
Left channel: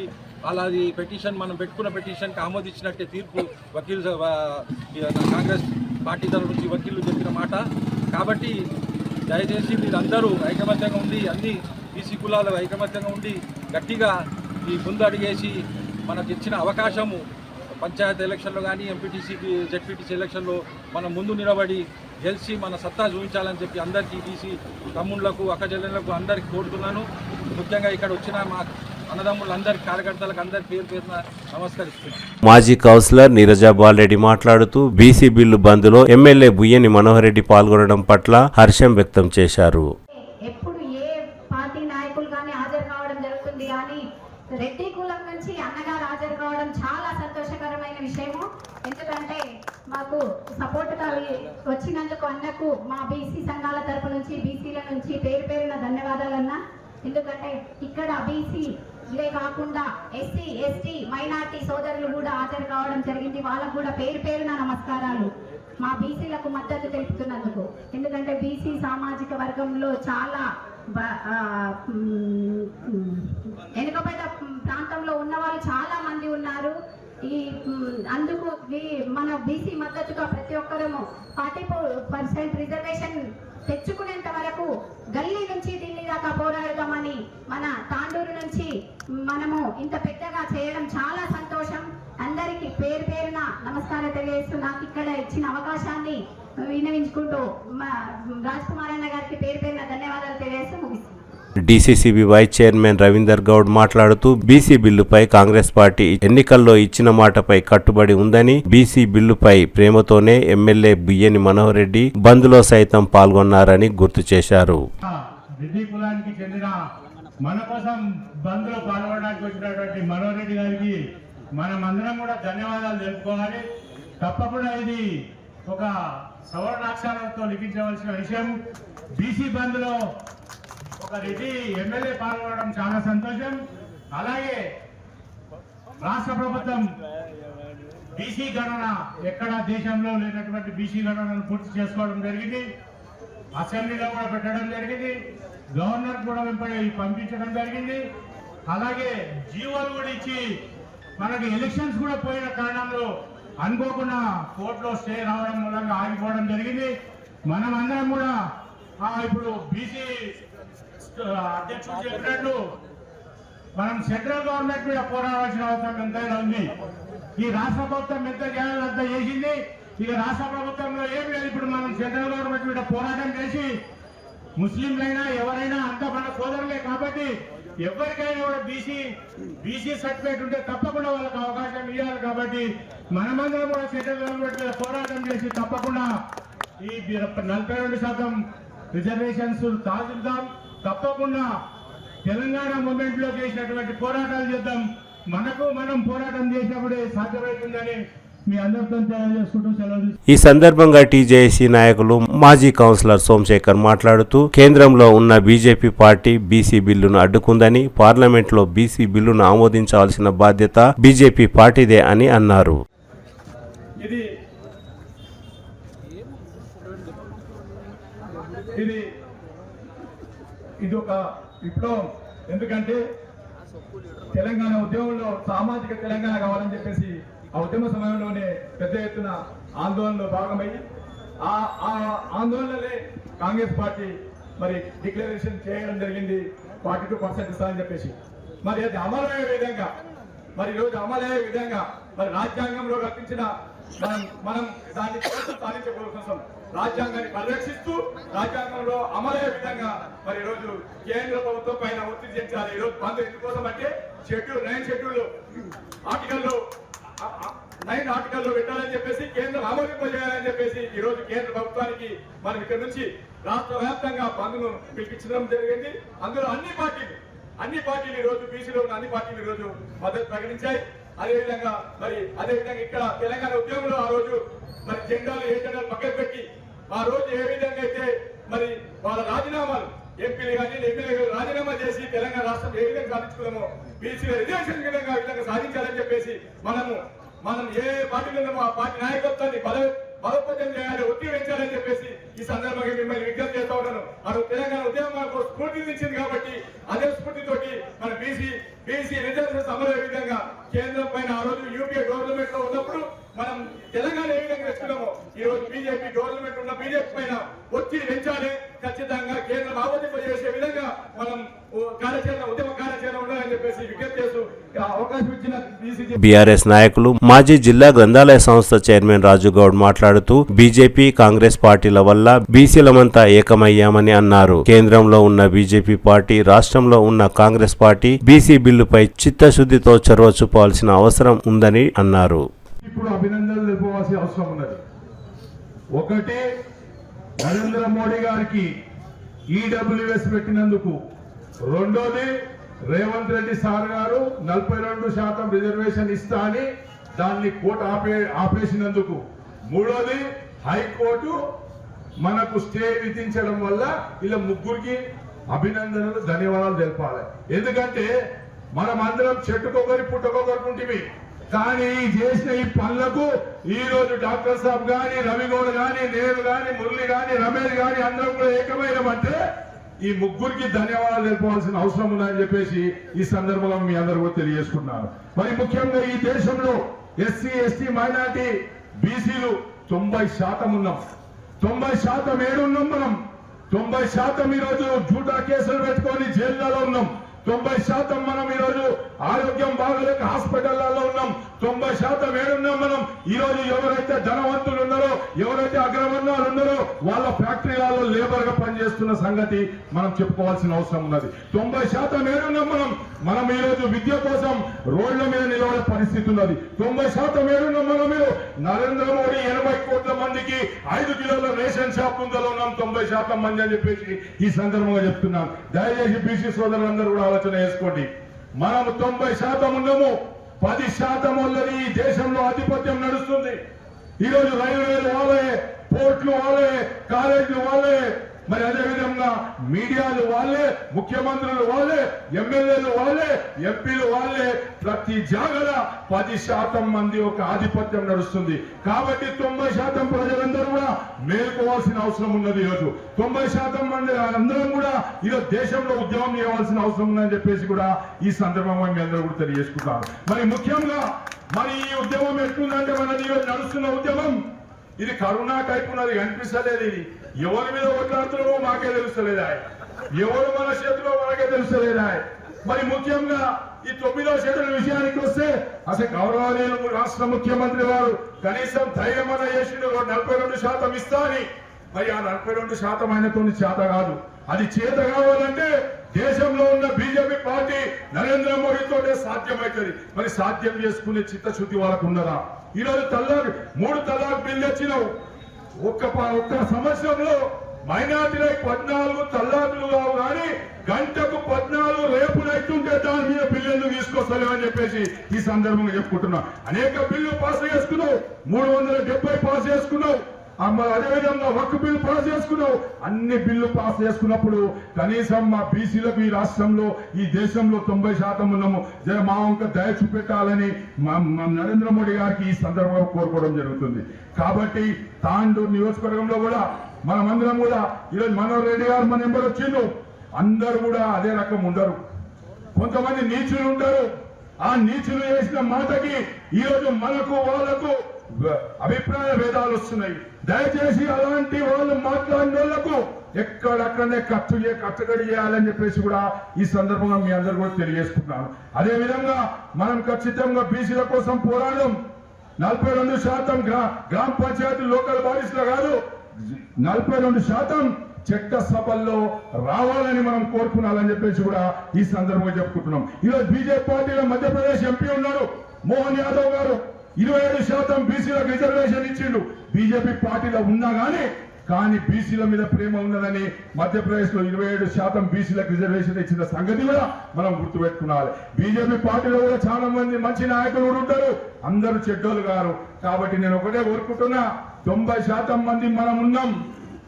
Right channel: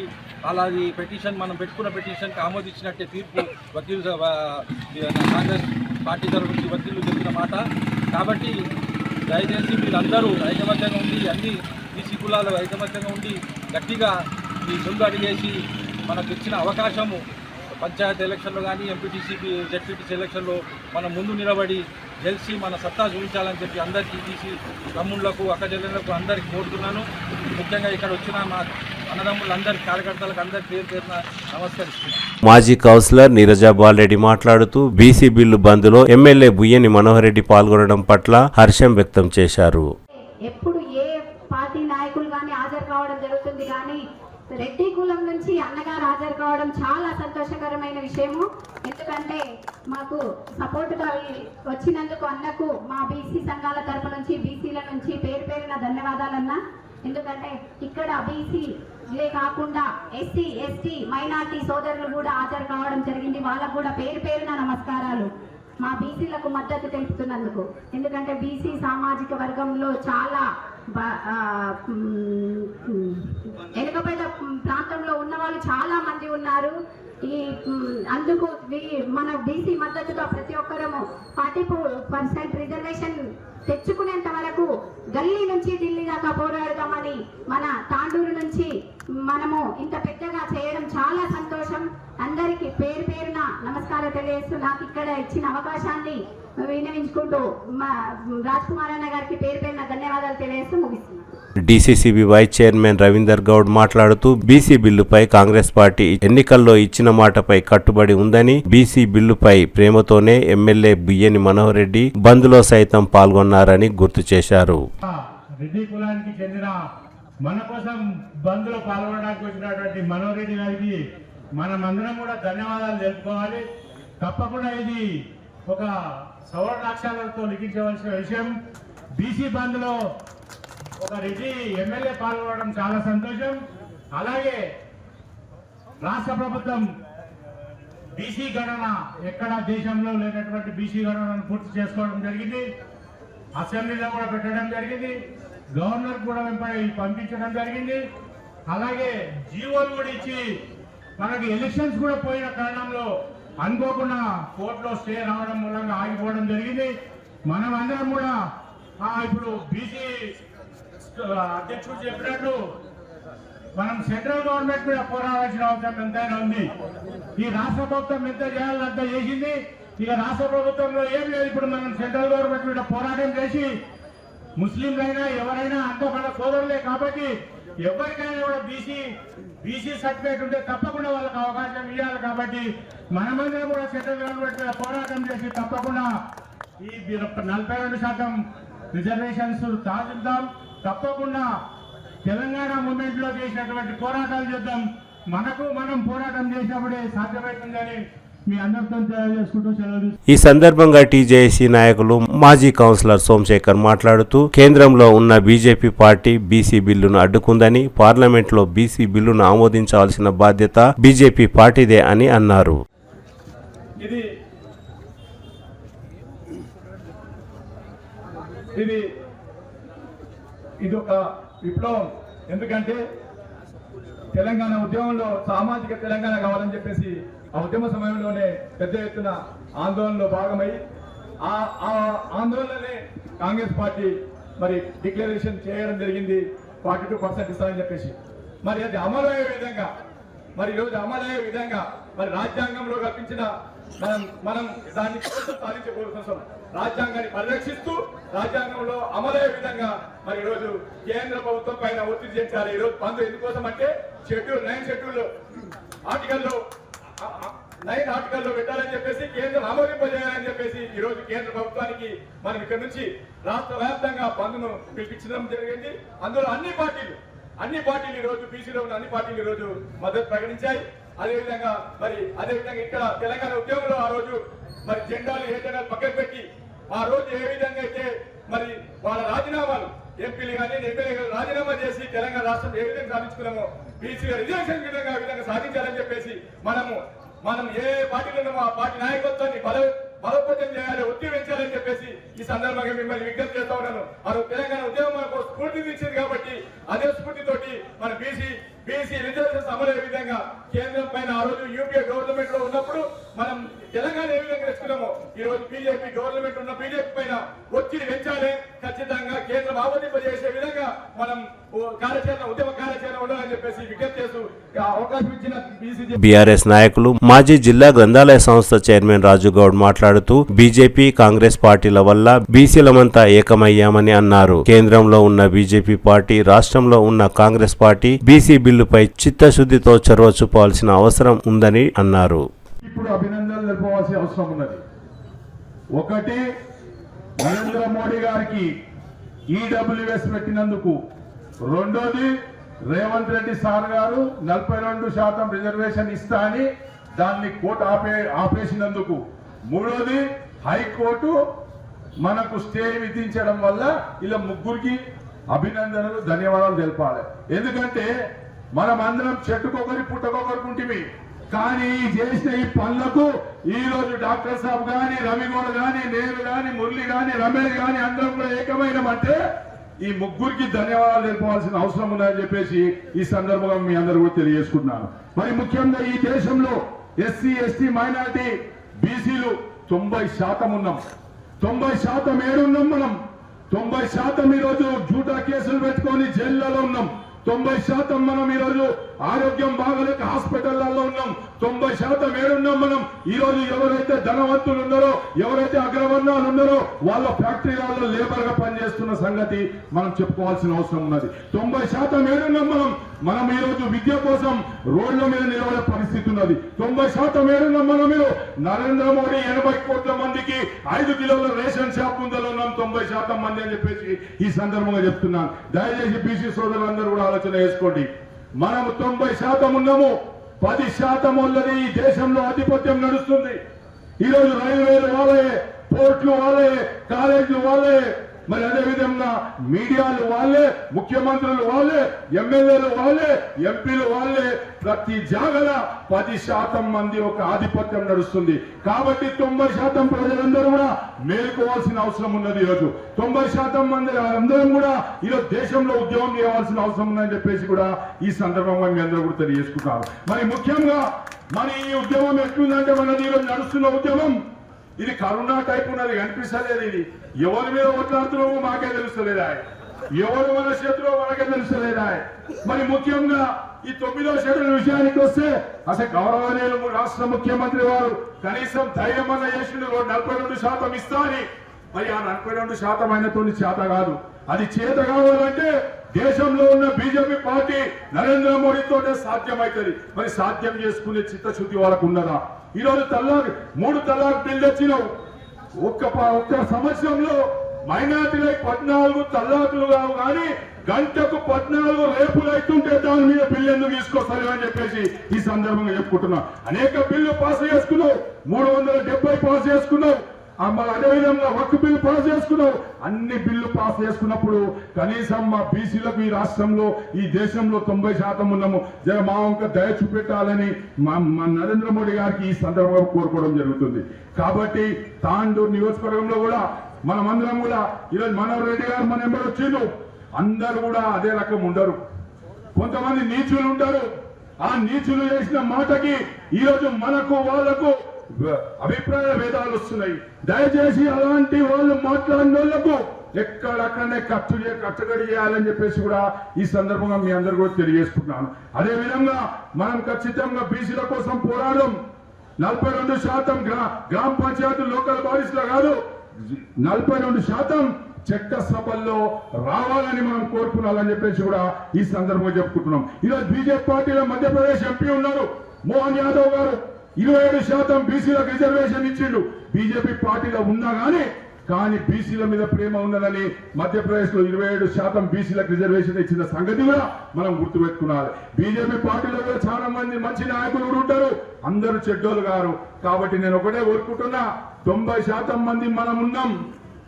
అలాది పిటిషన్ మనం పెట్టుకున్న పిటిషన్కి ఆమోదించినట్టే తీర్పు కాంగ్రెస్ పార్టీ తరఫు నుంచి వకీలు చెప్పిన మాట. కాబట్టి దయచేసి మీరందరూ ఐకమత్యంగా ఉండి అన్ని బీసీ కులాలు ఐకమత్యంగా ఉండి గట్టిగా ఈ ముందు అడిగేసి మనకు ఇచ్చిన అవకాశము పంచాయతీ ఎలక్షన్లో కానీ ఎంపీటీసీ జెడ్పీటీసీ ఎలక్షన్లో మనం ముందు నిలబడి గెలిచి మన సత్తా చూపించాలని చెప్పి అందరికీ బీసీ తమ్ముళ్లకు అక్కచెల్లెళ్లకు అందరికీ కోరుతున్నాను. ముఖ్యంగా ఇక్కడ వచ్చిన మా అన్నదమ్ములందరి కార్యకర్తలకు అందరి పేరున నమస్కరిస్తున్నాను. మాజీ కౌన్సిలర్ నీరజా బాలరెడ్డి మాట్లాడుతూ బీసీ బిల్లు బంద్లో ఎమ్మెల్యే బుయ్యని మనోహర్ రెడ్డి పాల్గొనడం పట్ల హర్షం వ్యక్తం చేశారు. ఎప్పుడు ఏ పార్టీ నాయకులు కానీ హాజరు కావడం జరుగుతుంది, కానీ రెడ్డి కులం నుంచి అన్నగారు హాజరు కావడం చాలా సంతోషకరమైన విషయము. ఎందుకంటే మాకు సపోర్టుగా వచ్చినందుకు అన్నకు మా బీసీ సంఘాల తరపు నుంచి బీసీల నుంచి పేరున ధన్యవాదాలన్నా. ఎందుకంటే ఇక్కడ బీసీలే కాకుండా ఎస్సీ ఎస్టీ మైనార్టీ సోదరులు కూడా హాజరు కావడం జరిగింది. వాళ్ళకు కూడా పేరున నమస్కారాలు మా బీసీలకు మద్దతు తెలుపుతున్నందుకు. ఎందుకంటే బీసీ సామాజిక వర్గంలో చాలా వెనుకబడ్డ ప్రాంతంలో ఉన్న వాళ్ళు చాలా మంది ఉన్నారు. అందుకు మన బీసీ మద్దతుగా ప్రతి ఒక్కరము 40% రిజర్వేషన్ తెచ్చుకునేంత వరకు గల్లీ నుంచి ఢిల్లీ దాకా పోరాడదామని మన తాండూరు నుంచి మనము ఇంత పెద్దగా చేయడం చాలా సంతోషం. అందరికీ పేరున నమస్కారం తెలియజేస్తూ నాకు ఇక్కడ ఇచ్చిన అవకాశాన్ని వినియోగించుకుంటూ రాజ్ కుమార్ అన్న గారికి పేరున ధన్యవాదాలు తెలియజేస్తూ ముగిస్తున్నాను. DCCB vice chairman Ravinder Goud మాట్లాడుతూ బీసీ బిల్లుపై కాంగ్రెస్ పార్టీ ఎన్నికల్లో ఇచ్చిన మాటపై కట్టుబడి ఉందని, బీసీ బిల్లుపై ప్రేమతోనే ఎమ్మెల్యే బుయ్యని మనోహర్ రెడ్డి బంద్లో సైతం పాల్గొన్నారని గుర్తు చేశారు. రెడ్డి కులానికి చెందిన మన కోసం బంద్లో పాల్గొనడానికి వచ్చినటువంటి మనోహర్ రెడ్డి గారికి మనమందరం కూడా ధన్యవాదాలు తెలుపుకోవాలి. తప్పకుండా ఇది ఒక సవర్ణాక్షరాలతో లిఖించవలసిన విషయం. బీసీ బంద్లో ఒక రెడ్డి ఎమ్మెల్యే పాల్గొనడం చాలా సంతోషం. అలాగే రాష్ట్ర ప్రభుత్వం బీసీ గణన ఎక్కడ దేశంలో లేనటువంటి బీసీ గణనను పూర్తి చేసుకోవడం జరిగింది. అసెంబ్లీలో కూడా పెట్టడం జరిగింది. గవర్నర్ కూడా పంపించడం జరిగింది. అలాగే జీవోలు కూడా ఇచ్చి మనకి ఎలక్షన్స్ కూడా పోయిన కారణంలో అనుకోకుండా కోర్టులో స్టే రావడం మూలంగా ఆగిపోవడం జరిగింది. మనం అందరం కూడా ఇప్పుడు బీసీ అధ్యక్షుడు చెప్పినట్లు మనం సెంట్రల్ గవర్నమెంట్ మీద పోరాడాల్సిన అవసరం ఎంతైనా ఉంది. ఈ రాష్ట్ర ప్రభుత్వం ఎంత చేయాలని అంత చేసింది. ఇక రాష్ట్ర ప్రభుత్వంలో ఏం లేదు. ఇప్పుడు మనం సెంట్రల్ గవర్నమెంట్ మీద పోరాటం చేసి ముస్లింలైనా ఎవరైనా అంత మన సోదరులే కాబట్టి ఎవరికైనా కూడా బీసీ సర్టిఫికేట్ ఉంటే తప్పకుండా వాళ్ళకి అవకాశం ఇవ్వాలి. కాబట్టి మనమందరం కూడా సెంట్రల్ గవర్నమెంట్ మీద పోరాటం చేసి తప్పకుండా ఈ 42% రిజర్వేషన్స్ సాధిద్దాం. తప్పకుండా తెలంగాణ మూమెంట్ లో చేసినటువంటి పోరాటాలు చేద్దాం. మనం పోరాటం చేసినప్పుడే సాధ్యమవుతుందని మీ అందరితో తెలియజేసుకుంటూ సెలవు. ఈ సందర్భంగా టీజేఏసీ నాయకులు మాజీ కౌన్సిలర్ సోమశేఖర్ మాట్లాడుతూ కేంద్రంలో ఉన్న బీజేపీ పార్టీ బీసీ బిల్లును అడ్డుకుందని, పార్లమెంట్లో బీసీ బిల్లును ఆమోదించాల్సిన బాధ్యత బీజేపీ పార్టీదే అని అన్నారు. ఇది ఇది ఒక విప్లవం. ఎందుకంటే తెలంగాణ ఉద్యమంలో సామాజిక తెలంగాణ కావాలని చెప్పేసి ఆ ఉద్యమ సమయంలోనే పెద్ద ఎత్తున ఆందోళనలో భాగమై ఆ ఆందోళనలే కాంగ్రెస్ పార్టీ మరి డిక్లరేషన్ చేయడం జరిగింది 42% ఇస్తామని చెప్పేసి. మరి అది అమలు అయ్యే విధంగా మరి ఈరోజు అమలు అయ్యే విధంగా మరి రాజ్యాంగంలో కల్పించిన మనం దాన్ని సాధించే కోసం రాజ్యాంగాన్ని పరిరక్షిస్తూ రాజ్యాంగంలో అమలయ్యే విధంగా మరి ఈరోజు కేంద్ర ప్రభుత్వం పైన ఒత్తిడి చేయించాలి. ఈరోజు బంద్ ఎందుకోసం అంటే నైన్ షెడ్యూల్ ఆర్టికల్లో 9 ఆర్టికల్లో పెట్టాలని చెప్పేసి కేంద్రం ఆమోదింపజేయాలని చెప్పేసి ఈరోజు కేంద్ర ప్రభుత్వానికి మనం ఇక్కడ నుంచి రాష్ట్ర వ్యాప్తంగా బంద్ను పిలిపించడం జరిగింది. అందులో అన్ని పార్టీలు ఈరోజు బీసీలో ఉన్న అన్ని పార్టీలు ఈరోజు మద్దతు ప్రకటించాయి. అదేవిధంగా ఇక్కడ తెలంగాణ ఉద్యమంలో ఆ రోజు మరి ఏ జెండాలు పక్కన పెట్టి ఆ రోజు ఏ విధంగా అయితే మరి వాళ్ళ రాజీనామాలు ఎంపీలు కానీ ఎమ్మెల్యే రాజీనామా చేసి తెలంగాణ రాష్ట్రం ఏ విధంగా సాధించుకున్నామో బీసీ రిజర్వేషన్ విధంగా ఆ విధంగా సాధించాలని చెప్పేసి మనం ఏ పార్టీలో ఉన్నామో ఆ పార్టీ నాయకత్వాన్ని బలోపేతం చేయాలి, ఒత్తిడి పెంచాలని చెప్పేసి ఈ సందర్భంగా మిమ్మల్ని విజ్ఞప్తి చేస్తా ఉన్నాను. ఆ రోజు తెలంగాణ ఉద్యమం మనకు స్ఫూర్తినిచ్చింది కాబట్టి అదే స్ఫూర్తితోటి మన బీసీ రిజర్వేషన్ అమలయ్యే విధంగా కేంద్రం పైన ఆ రోజు యూపీఏ గవర్నమెంట్ లో ఉన్నప్పుడు మనం తెలంగాణ ఏ విధంగా తెచ్చుకున్నామో ఈ రోజు బీజేపీ గవర్నమెంట్ ఉన్న బీజేపీ పైన ఒత్తిడి పెంచాలి. ఖచ్చితంగా కేంద్రం ఆమోదింపజేసే విధంగా మనం ఉద్యమ కార్యాచరణ ఉండాలని చెప్పేసి విజ్ఞప్తి చేస్తూ అవకాశం ఇచ్చిన బీఆర్ఎస్ నాయకులు మాజీ జిల్లా గ్రంథాలయ సంస్థ చైర్మన్ రాజుగౌడ్ మాట్లాడుతూ బీజేపీ కాంగ్రెస్ పార్టీల వల్ల బీసీలమంతా ఏకమయ్యామని అన్నారు. కేంద్రంలో ఉన్న బీజేపీ పార్టీ, రాష్ట్రంలో ఉన్న కాంగ్రెస్ పార్టీ బీసీ బిల్లుపై చిత్తశుద్ధితో చొరవ చూపాల్సిన అవసరం ఉందని అన్నారు. ఇప్పుడు అభినందనలు తెలుపవలసిన అవసరం ఉన్నది. ఒకటి, నరేంద్ర మోడీ గారికి ఈడబ్ల్యూఎస్ పెట్టినందుకు. రెండోది, రేవంత్ రెడ్డి సార్ గారు 42% రిజర్వేషన్ ఇస్తా అని దాన్ని కోర్టు ఆపేసినందుకు. మూడోది, హైకోర్టు మనకు స్టే విధించడం వల్ల ఇలా ముగ్గురికి అభినందనలు, ధన్యవాదాలు తెలపాలి. ఎందుకంటే మనం అందరం చెట్టుకొకరి పుట్టకొకరికి ఉంటివి. కానీ చేసిన ఈ పనులకు ఈ రోజు డాక్టర్ సాబ్ గాని, రవిగౌడ్ గాని, నేను గాని, మురళి గాని, రమేష్ గాని అందరం కూడా ఏకమైనమంటే ఈ ముగ్గురికి ధన్యవాదాలు తెలుపవలసిన అవసరం ఉందని చెప్పేసి ఈ సందర్భంగా మీ అందరూ కూడా తెలియజేసుకుంటున్నాను. మరి ముఖ్యంగా ఈ దేశంలో ఎస్సీ, ఎస్టీ, మైనారిటీ, బీసీలు 90% ఉన్నాం. 90% ఏడున్నాం మనం. 90% ఈరోజు జూటా కేసులు పెట్టుకొని జైళ్లలో ఉన్నాం. 90% మనం ఈరోజు ఆరోగ్యం బాగలేక హాస్పిటళ్లలో ఉన్నాం. 90% ఏడున్నాం మనం. ఈరోజు ఎవరైతే ధనవంతులు ఉన్నారో, ఎవరైతే అగ్రవర్ణాలు ఉన్నారో వాళ్ళ ఫ్యాక్టరీలలో లేబర్ గా పనిచేస్తున్న సంగతి మనం చెప్పుకోవాల్సిన అవసరం ఉన్నది. 90% ఏడున్నాం మనం ఈరోజు విద్య కోసం రోడ్ల మీద నిలబడే పరిస్థితి ఉన్నది. 90% ఏడున్నాం మనం. మీరు నరేంద్ర మోడీ 80 కోట్ల మందికి 5 కిలోల రేషన్ షాప్ ముందలో ఉన్నాం 90% మంది అని చెప్పేసి ఈ సందర్భంగా చెప్తున్నాను. దయచేసి బీసీ సోదరులందరూ కూడా ఆలోచన చేసుకోండి. మనము 90% ఉన్నాము. 10% వాళ్ళది ఈ దేశంలో ఆధిపత్యం నడుస్తుంది. ఈరోజు రైల్వేలు వాళ్ళే, పోర్టులు వాళ్ళే, కాలేజీలు వాళ్ళే, మరి అదేవిధంగా మీడియాలు వాళ్ళే, ముఖ్యమంత్రులు వాళ్ళే, ఎమ్మెల్యేలు వాళ్ళే, ఎంపీలు వాళ్ళే. ప్రతి జాగల 10% మంది ఒక ఆధిపత్యం నడుస్తుంది. కాబట్టి 90% ప్రజలందరూ కూడా మేల్కోవాల్సిన అవసరం ఉన్నది. ఈరోజు 90% మంది అందరం కూడా ఈరోజు దేశంలో ఉద్యమం చేయవలసిన అవసరం ఉందని చెప్పేసి కూడా ఈ సందర్భంగా మీ అందరూ కూడా తెలియజేసుకుంటారు. మరి ముఖ్యంగా మరి ఈ ఉద్యమం ఎట్లుందంటే మనది ఈరోజు నడుస్తున్న ఉద్యమం ఇది కరోనా టైప్ ఉన్నది, కనిపిస్తలేదు. ఇది ఎవరి మీద ఓట్లాడుతున్నామో మాకే తెలుస్తలేదా, ఎవరు మన చేతిలో మనకే తెలుస్తలేదా. మరి ముఖ్యంగా ఈ 9వ షెడ్యూల్ విషయానికి వస్తే అసలు గౌరవనీయులు రాష్ట్ర ముఖ్యమంత్రి వారు కనీసం ధైర్యం అన్న చేసిండు 42% ఇస్తా అని. మరి ఆ 42% అయినతో చేత కాదు. అది చేత కావాలంటే దేశంలో ఉన్న బీజేపీ పార్టీ నరేంద్ర మోడీతోటే సాధ్యమవుతుంది. మరి సాధ్యం చేసుకునే చిత్తశుద్ధి వాళ్ళకు ఉన్నదా? ఈరోజు 3 తలాక్ బిల్లు తెచ్చినావు. ఒక్క సంవత్సరంలో మైనార్టీలకు 14 తల్లాకులు కావు, కానీ గంటకు 14 రేపులు అవుతుంటే దాని మీద బిల్లు ఎందుకు తీసుకొస్తావు అని చెప్పేసి ఈ సందర్భంగా చెప్పుకుంటున్నా. అనేక బిల్లు పాస్ చేసుకున్నావు, 370 పాస్ చేసుకున్నావు. అదేవిధంగా వక్ఫ్ బిల్లు పాస్ చేసుకున్నావు. అన్ని బిల్లు పాస్ చేసుకున్నప్పుడు కనీసం మా బీసీలకు ఈ రాష్ట్రంలో, ఈ దేశంలో 90% ఉన్నాము. జర మా వంక దయ చూపెట్టాలని మా నరేంద్ర మోడీ గారికి ఈ సందర్భంగా కోరుకోవడం జరుగుతుంది. కాబట్టి తాండూరు నియోజకవర్గంలో కూడా మనమందరం కూడా ఈరోజు మనోహర్ రెడ్డి గారు మన ఎంబడి వచ్చిండు. అందరూ కూడా అదే రకం ఉండరు, కొంతమంది నీచులు ఉంటారు. ఆ నీచులు చేసిన మాటకి ఈరోజు మనకు వాళ్లకు అభిప్రాయ భేదాలు వస్తున్నాయి. దయచేసి అలాంటి వాళ్ళు మాట్లాడిన వాళ్లకు ఎక్కడక్కడనే కట్టడి చేయాలని చెప్పేసి కూడా ఈ సందర్భంగా మీ అందరూ కూడా తెలియజేసుకుంటున్నాను. అదే విధంగా మనం ఖచ్చితంగా బీసీల కోసం పోరాడడం 42% గ్రామ పంచాయతీ లోకల్ బాడీస్ లో కాదు, 42% చట్టసభల్లో రావాలని మనం కోరుకున్నాలని చెప్పేసి కూడా ఈ సందర్భంగా చెప్పుకుంటున్నాం. ఈరోజు బీజేపీ పార్టీలో మధ్యప్రదేశ్ ఎంపీ ఉన్నాడు మోహన్ యాదవ్ గారు, 27% బీసీలకు రిజర్వేషన్ ఇచ్చిండు. బీజేపీ పార్టీలో ఉన్నా కానీ బీసీల మీద ప్రేమ ఉన్నదని మధ్యప్రదేశ్ లో 27% బీసీలకు రిజర్వేషన్ ఇచ్చిన సంగతి కూడా మనం గుర్తుపెట్టుకున్నాలి. బీజేపీ పార్టీలో కూడా చాలా మంది మంచి నాయకులు కూడా ఉంటారు, అందరూ చెడ్డోళ్ళు గారు. కాబట్టి నేను ఒకటే కోరుకుంటున్నా, 90% మంది మనం ఉన్నాం.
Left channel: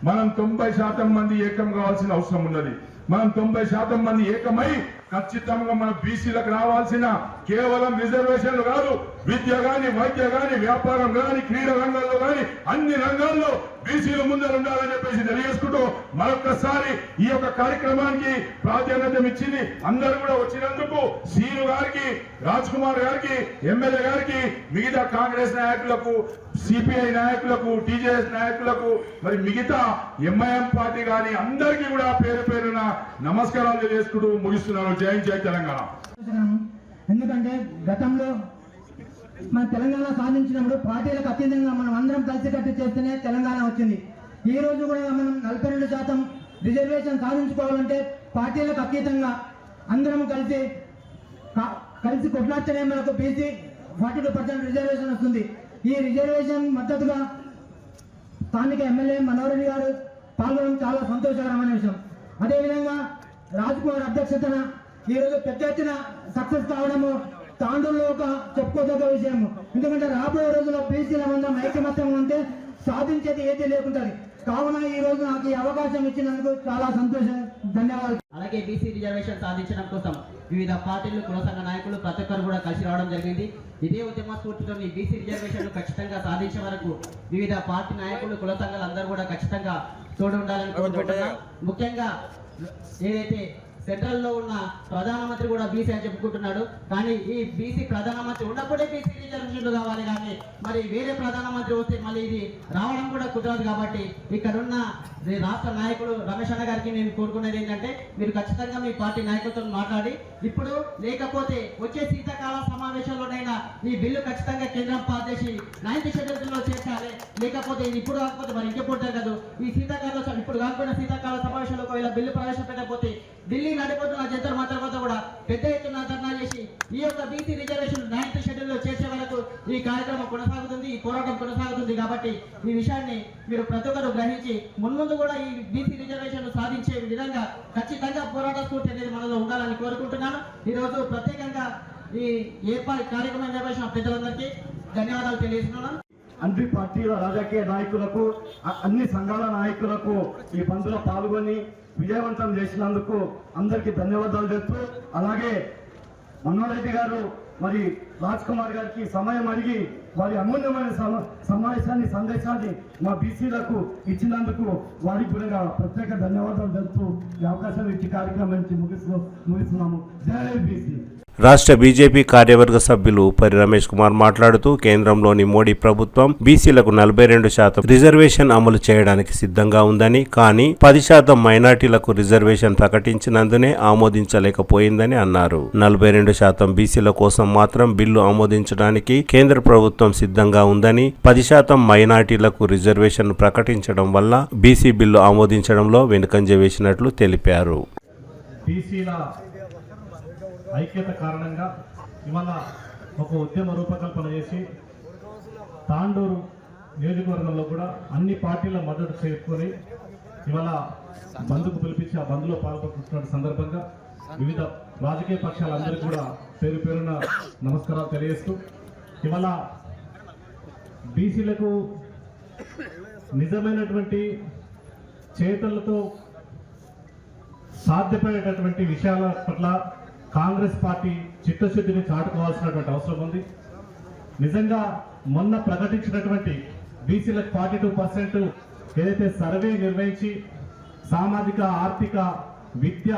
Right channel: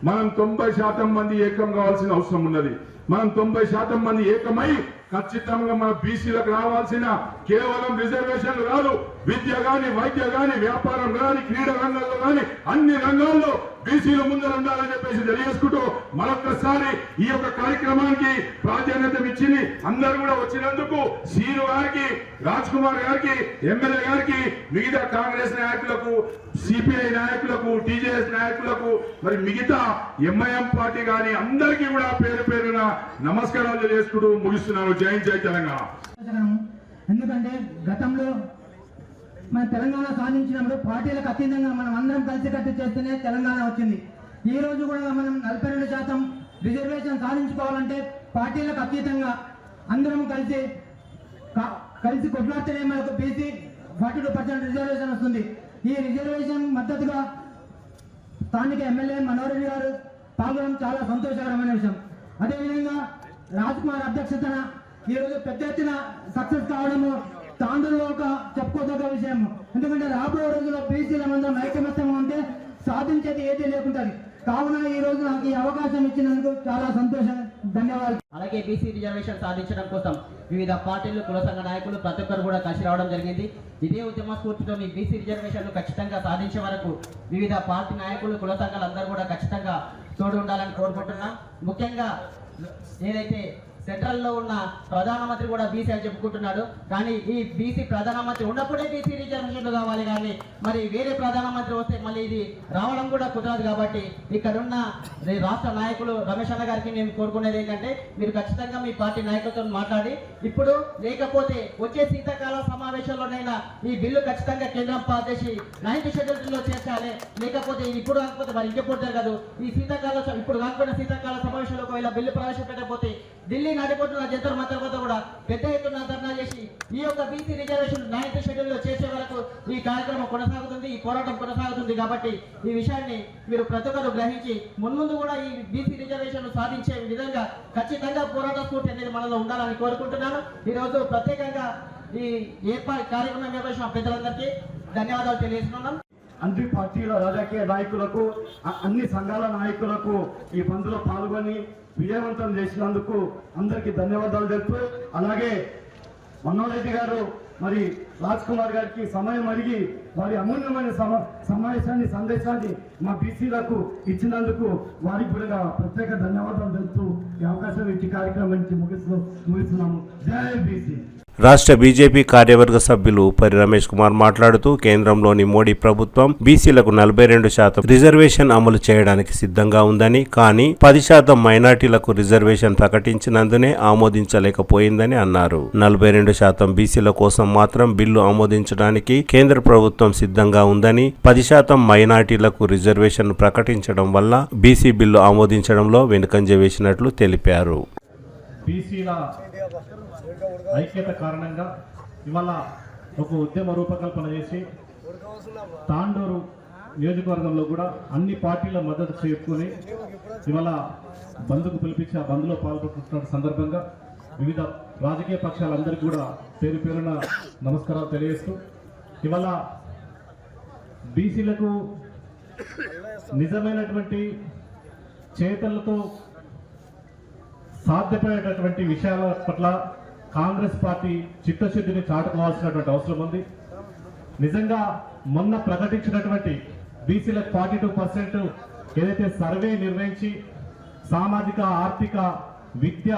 మనం 90% మంది ఏకం కావాల్సిన అవసరం ఉన్నది. మనం 90% మంది ఏకమై ఖచ్చితంగా మన బీసీలకు రావాల్సిన కేవలం రిజర్వేషన్లు కాదు, విద్య గాని, వైద్య గాని, వ్యాపారం గాని, క్రీడా రంగంలో గాని అన్ని రంగాల్లో బీసీలు ముందర ఉండాలని చెప్పేసి తెలియజేసుకుంటూ మరొకసారి ఈ యొక్క కార్యక్రమానికి ప్రాధాన్యత ఇచ్చి అందరూ కూడా వచ్చినందుకు సీను గారికి, రాజ్ కుమార్ గారికి, ఎమ్మెల్యే గారికి, మిగతా కాంగ్రెస్ నాయకులకు, సిపిఐ నాయకులకు, టీజేఎస్ నాయకులకు, మరి మిగతా ఎంఐఎం పార్టీ గాని అందరికీ కూడా పేరు పేరున నమస్కారాలు తెలియజేసుకుంటూ ముగిస్తున్నాను. జై జై తెలంగాణ. ఎందుకంటే గతంలో మన తెలంగాణ సాధించినప్పుడు పార్టీలకు అతీతంగా మనం అందరం కలిసికట్టు చేస్తేనే తెలంగాణ వచ్చింది. ఈ రోజు కూడా మనం 42% రిజర్వేషన్ సాధించుకోవాలంటే పార్టీలకు అతీతంగా అందరం కలిసి కొట్లాడితేనే మనకు బీసీ 42% రిజర్వేషన్ వస్తుంది. ఈ రిజర్వేషన్ మద్దతుగా స్థానిక ఎమ్మెల్యే మనోహర్ రెడ్డి గారు పాల్గొనడం చాలా సంతోషకరమైన విషయం. అదేవిధంగా రాజ్ కుమార్ అధ్యక్షతన ఈరోజు పెద్ద ఎత్తున సక్సెస్ కావడము తాండూరులో ఒక చెప్పుకోదగ్గ విషయం. ఎందుకంటే రాబోయే రోజుల్లో బీసీల మందరం ఐకమత్యం ఉంటే సాధించేది ఏదీ లేకుంటుంది. కావున ఈ రోజు నాకు ఈ అవకాశం ఇచ్చినందుకు చాలా సంతోషం, ధన్యవాదాలు. అలాగే బీసీ రిజర్వేషన్ సాధించడం కోసం వివిధ పార్టీలు, కుల సంఘ నాయకులు ప్రతి ఒక్కరు కూడా కలిసి రావడం జరిగింది. ఇదే ఉద్యమ స్ఫూర్తితో మీ బీసీ రిజర్వేషన్ ఖచ్చితంగా సాధించే వరకు వివిధ పార్టీ నాయకులు, కుల సంఘాలు అందరూ కూడా ఖచ్చితంగా తోడు ఉండాలని కోరుకుంటున్నాం. ముఖ్యంగా ఏదైతే సెంట్రల్లో ఉన్న ప్రధానమంత్రి కూడా బీసీ అని చెప్పుకుంటున్నాడు, కానీ ఈ బీసీ ప్రధానమంత్రి ఉన్నప్పుడే బీసీ రిజర్వేషన్లు కావాలి, కానీ మరి వేరే ప్రధానమంత్రి వస్తే మళ్ళీ ఇది రావడం కూడా కుదరదు. కాబట్టి ఇక్కడున్న రాష్ట్ర నాయకులు రమేష్ అన్న గారికి మేము కోరుకునేది ఏంటంటే, మీరు ఖచ్చితంగా మీ పార్టీ నాయకులతో మాట్లాడి ఇప్పుడు లేకపోతే వచ్చే శీతాకాల సమావేశంలోనైనా ఈ బిల్లు ఖచ్చితంగా కేంద్రం పాస్ చేసి 9th షెడ్యూల్లో చేర్చాలి. లేకపోతే ఇది ఇప్పుడు కాకపోతే మరి ఇంకెప్పుడు జరగదు. ఈ శీతాకాల ఇప్పుడు కాకపోయినా శీతాకాల సమావేశంలో ఒకవేళ బిల్లు ప్రవేశపెట్టకపోతే ఢిల్లీ నడిపోతున్న జంతర్ మంతర్ వద్ద కూడా పెద్ద ఎత్తున ధర్నా చేసి ఈ యొక్క బీసీ రిజర్వేషన్ 9th షెడ్యూల్లో చేసే వరకు ఈ కార్యక్రమం కొనసాగుతుంది, ఈ పోరాటం కొనసాగుతుంది. కాబట్టి ఈ విషయాన్ని మీరు ప్రతి ఒక్కరు గ్రహించి మున్ముందు కూడా ఈ బీసీ రిజర్వేషన్ సాధించే విధంగా ఖచ్చితంగా పోరాట స్ఫూర్తి అనేది మనలో ఉండాలని కోరుకుంటున్నాను. ఈరోజు ప్రత్యేకంగా ఈ కార్యక్రమం నిర్వహించిన పెద్దలందరికీ ధన్యవాదాలు తెలియజేస్తున్నాను. అన్ని పార్టీల రాజకీయ నాయకులకు, అన్ని సంఘాల నాయకులకు ఈ బంద్లో పాల్గొని విజయవంతం చేసినందుకు అందరికీ ధన్యవాదాలు తెలుపుతూ, అలాగే మనోహర్ రెడ్డి గారు మరి రాజ్ కుమార్ గారికి సమయం అడిగి వారి అమూల్యమైన సందేశాన్ని మా బీసీలకు ఇచ్చినందుకు వారికి కూడా ప్రత్యేక ధన్యవాదాలు తెలుపుతూ ఈ అవకాశం ఇచ్చి కార్యక్రమానికి ముగిస్తున్నాము. జై బీసీ. రాష్ట్ర బీజేపీ కార్యవర్గ సభ్యులు పరి రమేష్ కుమార్ మాట్లాడుతూ కేంద్రంలోని మోడీ ప్రభుత్వం బీసీలకు 42% రిజర్వేషన్ అమలు చేయడానికి సిద్ధంగా ఉందని, కానీ 10% మైనార్టీలకు రిజర్వేషన్ ప్రకటించినందునే ఆమోదించలేకపోయిందని అన్నారు. 42% బీసీల కోసం మాత్రం బిల్లు ఆమోదించడానికి కేంద్ర ప్రభుత్వం సిద్ధంగా ఉందని, 10% మైనార్టీలకు రిజర్వేషన్ ప్రకటించడం వల్ల బీసీ బిల్లు ఆమోదించడంలో వెనుకంజ వేసినట్లు తెలిపారు. ఐక్యత కారణంగా ఇవాళ ఒక ఉద్యమ రూపకల్పన చేసి తాండూరు నియోజకవర్గంలో కూడా అన్ని పార్టీల మద్దతు చేసుకొని ఇవాళ బంద్కు పిలిపించి ఆ బంద్లో పాల్గొంటున్న సందర్భంగా వివిధ రాజకీయ పక్షాలందరికీ కూడా పేరు పేరున నమస్కారాలు తెలియజేస్తూ, ఇవాళ బీసీలకు నిజమైనటువంటి చేతలతో సాధ్యపడేటటువంటి విషయాల పట్ల కాంగ్రెస్ పార్టీ చిత్తశుద్ధిని చాటుకోవాల్సినటువంటి అవసరం ఉంది. నిజంగా మొన్న ప్రకటించినటువంటి బీసీలకు 42% ఏదైతే సర్వే నిర్వహించి సామాజిక ఆర్థిక విద్య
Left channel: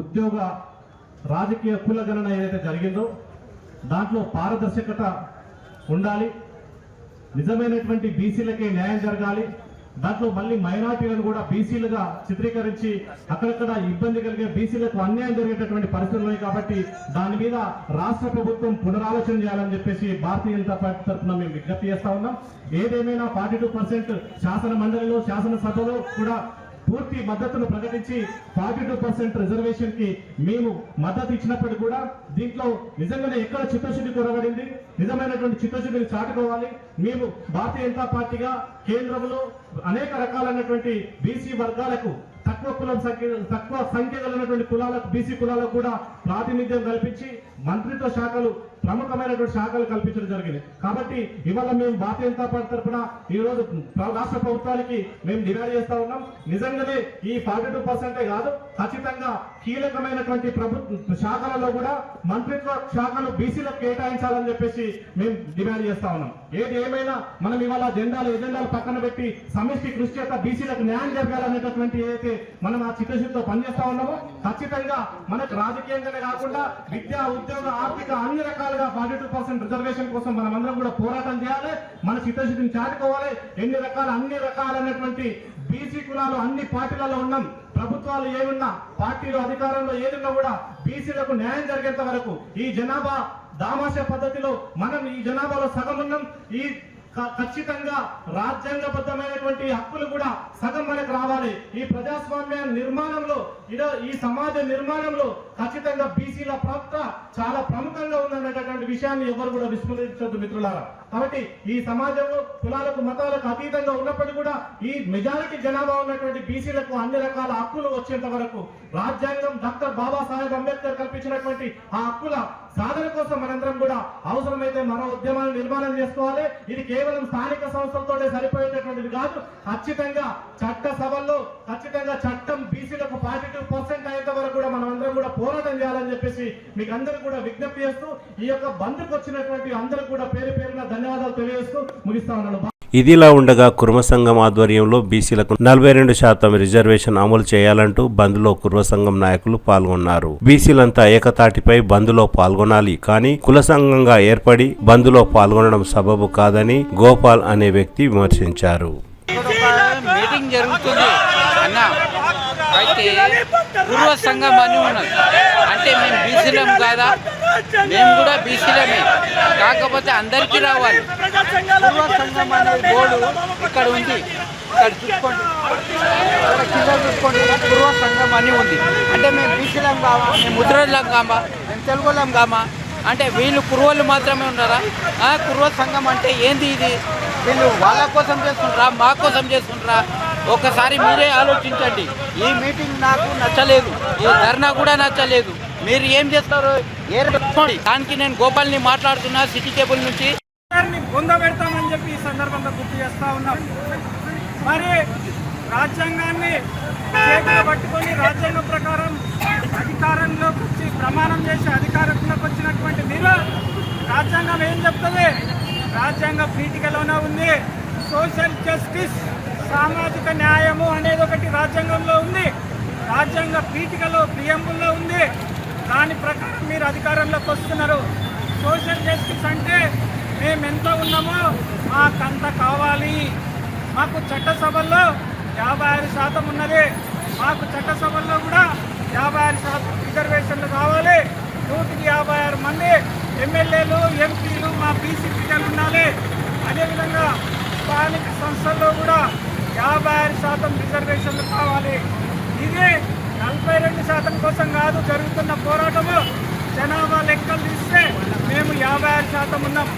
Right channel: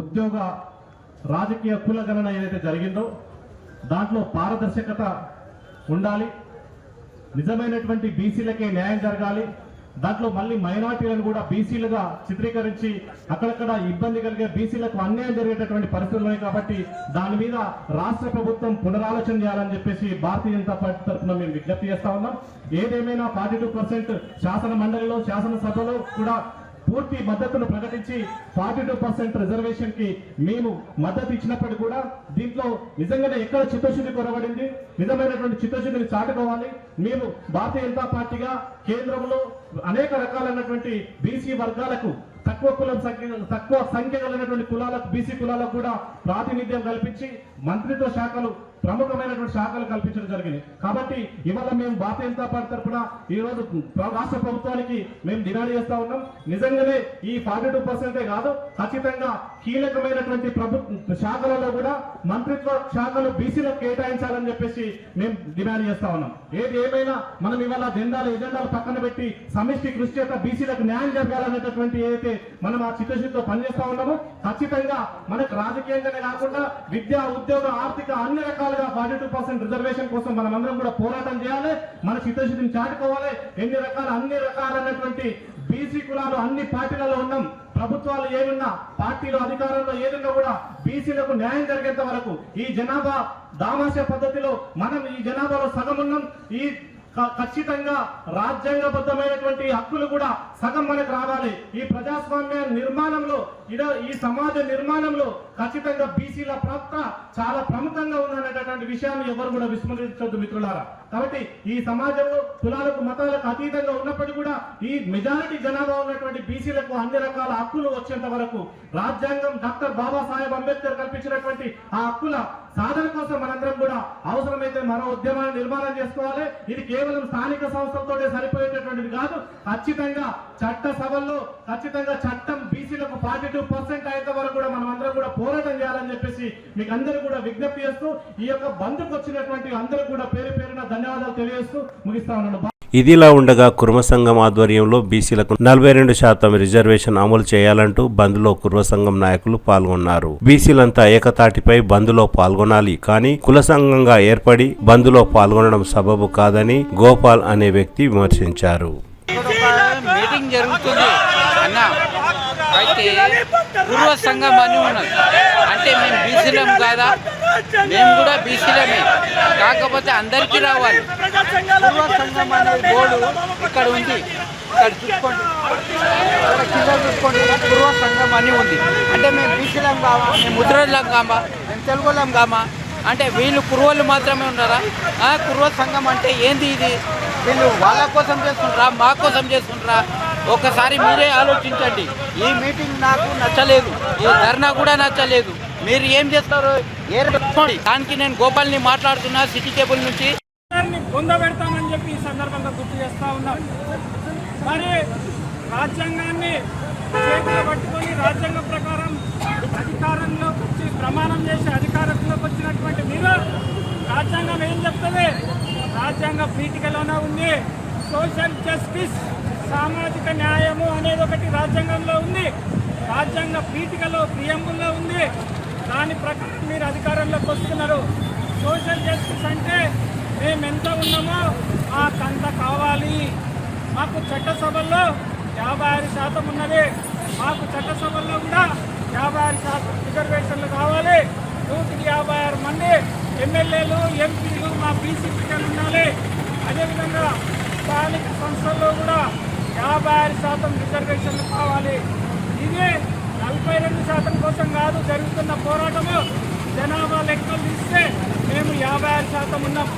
ఉద్యోగ రాజకీయ కులగణన ఏదైతే జరిగిందో దాంట్లో పారదర్శకత ఉండాలి, నిజమైనటువంటి బీసీలకే న్యాయం జరగాలి. దాంట్లో మళ్ళీ మైనార్టీలను కూడా బీసీలుగా చిత్రీకరించి అక్కడక్కడ ఇబ్బంది కలిగే బీసీలకు అన్యాయం జరిగేటటువంటి పరిస్థితులు ఉన్నాయి. కాబట్టి దాని మీద రాష్ట్ర ప్రభుత్వం పునరాలోచన చేయాలని చెప్పేసి భారతీయ జనతా పార్టీ తరఫున మేము విజ్ఞప్తి చేస్తా ఉన్నాం. ఏదేమైనా 42% శాసన మండలిలో శాసనసభలో కూడా పూర్తి మద్దతును ప్రకటించి 42% రిజర్వేషన్ కి మేము మద్దతు ఇచ్చినప్పుడు కూడా దీంట్లో నిజంగానే ఎక్కడ చిత్తశుద్ధి కొరబడింది, నిజమైనటువంటి చిత్తశుద్ధిని చాటుకోవాలి. మేము భారతీయ జనతా పార్టీగా కేంద్రంలో అనేక రకాలైనటువంటి బీసీ వర్గాలకు తక్కువ సంఖ్య కలిగినటువంటి కులాలకు బీసీ కులాలకు కూడా ప్రాతినిధ్యం కల్పించి మంత్రిత్వ శాఖలు ప్రముఖమైనటువంటి శాఖలు కల్పించడం జరిగింది. కాబట్టి ఇవాళ మేము భారతీయ జనతా పార్టీ తరఫున ఈ రోజు రాష్ట్ర ప్రభుత్వానికి మేము డిమాండ్ చేస్తా ఉన్నాం. నిజంగానే ఈ 42% కాదు, ఖచ్చితంగా కీలకమైనటువంటి ప్రభుత్వ శాఖలలో కూడా మంత్రిత్వ శాఖలు బీసీలకు కేటాయించాలని చెప్పేసి మేము డిమాండ్ చేస్తా ఉన్నాం. ఏది ఏమైనా మనం ఇవాళ ఎజెండాలు పక్కన పెట్టి సమిష్టి కృషి చేత బీసీలకు న్యాయం జరగాలనేటటువంటి ఏదైతే మనం ఆ చిత్తశుద్ధితో పనిచేస్తా ఉన్నామో ఖచ్చితంగా మనకు రాజకీయంగానే కాకుండా విద్య ఉద్యోగ ఆర్థిక అన్ని రకాలుగా 42% రిజర్వేషన్ కోసం మనం అందరం కూడా పోరాటం చేయాలి, మన చిత్తశుద్ధిని చాటుకోవాలి. అన్ని రకాలైనటువంటి బీసీ కులాలు అన్ని పార్టీలలో ఉన్నాం, ప్రభుత్వాలు ఏమున్నా పార్టీలో అధికారంలో ఏదున్నా కూడా బీసీలకు న్యాయం జరిగేంత వరకు ఈ జనాభా దామాష పద్ధతిలో మనం ఈ జనాభాలో సగం ఉన్నాం. ఈ ఖచ్చితంగా రాజ్యాంగబద్ధమైనటువంటి హక్కులు కూడా సగం మనకు రావాలి. ఈ ప్రజాస్వామ్య నిర్మాణంలో ఈ సమాజ నిర్మాణంలో ఖచ్చితంగా బీసీల పాత్ర చాలా ప్రముఖంగా ఉందనేటటువంటి విషయాన్ని ఎవరు కూడా విస్మరించొద్దు మిత్రులారా. కాబట్టి ఈ సమాజంలో కులాలకు మతాలకు అతీతంగా ఉన్నప్పటికీ కూడా ఈ మెజారిటీ జనాభా ఉన్నటువంటి బీసీలకు అన్ని రకాల హక్కులు వచ్చేంత వరకు రాజ్యాంగం డాక్టర్ బాబాసాహెబ్ అంబేద్కర్ కల్పించినటువంటి ఆ హక్కుల సాధన కోసం మనందరం కూడా అవసరమైతే మరో ఉద్యమాన్ని నిర్మాణం చేసుకోవాలి. ఇది కేవలం స్థానిక సంస్థలతోనే సరిపోయేటటువంటిది కాదు. ఖచ్చితంగా చట్ట సభల్లో ఖచ్చితంగా చట్టం బీసీలకు 42% అయ్యేంత వరకు కూడా మనం అందరం కూడా పోరాటం చేయాలని చెప్పేసి మీకు అందరూ కూడా విజ్ఞప్తి చేస్తూ ఈ యొక్క బంద్కు వచ్చినటువంటి అందరూ కూడా పేరు పేరున ధన్యవాదాలు తెలియజేస్తూ ముగిస్తా ఉన్నాను. ఇదిలా ఉండగా కుర్మ సంఘం ఆధ్వర్యంలో బీసీలకు 42% రిజర్వేషన్ అమలు చేయాలంటూ బంద్లో కుర్మ సంఘం నాయకులు పాల్గొన్నారు. బీసీలంతా ఏకతాటిపై బంద్లో పాల్గొనాలి, కానీ కుల సంఘంగా ఏర్పడి బంద్లో పాల్గొనడం సబబు కాదని గోపాల్ అనే వ్యక్తి విమర్శించారు. మీటింగ్ జరుగుతుంది అన్న, అయితే పూర్వ సంఘం అని ఉన్నది అంటే మేము బీసీలం కాదా? మేము కూడా బీసీలమే, కాకపోతే అందరికీ రావాలి. పూర్వ సంఘం అనే బోర్డు ఇక్కడ ఉంది, ఇక్కడ చూసుకోండి, ఇక్కడ కింద చూసుకోండి, పూర్వ సంఘం అని ఉంది. అంటే మేము బీసీలం కావా? మేము ముద్రలం కామా? మేము తెలుగులం కామా? అంటే వీళ్ళు కుర్రోళ్ళు మాత్రమే ఉన్నారా? కుర్వ సంఘం అంటే ఏంది ఇది? వీళ్ళు వాళ్ళ కోసం చేస్తుంటారా, మా కోసం చేస్తుంటారా? ఒకసారి మీరే ఆలోచించండి. ఈ మీటింగ్ నాకు నచ్చలేదు, ఈ ధర్నా కూడా నచ్చలేదు. మీరు ఏం చేస్తారు దానికి నేను గోపాల్ని మాట్లాడుతున్నా సిటీ కేబుల్ నుంచి. పొందబెడతామని చెప్పి ఈ సందర్భంగా గుర్తు చేస్తా ఉన్నాం. మరి రాజ్యాంగాన్ని చేతిలో పట్టుకొని రాజ్యాంగం ప్రకారం అధికారంలోకి వచ్చి ప్రమాణం చేసి అధికారంలోకి వచ్చినటువంటి మీరు రాజ్యాంగం ఏం చెప్తుంది? రాజ్యాంగ పీఠికలోనే ఉంది. సోషల్ జస్టిస్, సామాజిక న్యాయము అనేది ఒకటి రాజ్యాంగంలో ఉంది, రాజ్యాంగ పీఠికలో ప్రియంబుల్లో ఉంది. దాని ప్రకారం మీరు అధికారంలోకి వస్తున్నారు. సోషల్ జస్టిస్ అంటే మేము ఎంత ఉన్నామో మాకంత కావాలి. మాకు చట్టసభల్లో 56% ఉన్నది, మాకు చట్టసభల్లో కూడా 56% రిజర్వేషన్లు కావాలి. 156 మంది ఎమ్మెల్యేలు ఎంపీలు మా బీసీ బిడ్డలు ఉండాలి. అదేవిధంగా స్థానిక సంస్థల్లో కూడా 56% రిజర్వేషన్లు కావాలి. ఇది 42% కోసం కాదు జరుగుతున్న పోరాటము. జనాభా లెక్కలు తీస్తే మేము 56% ఉన్నాం.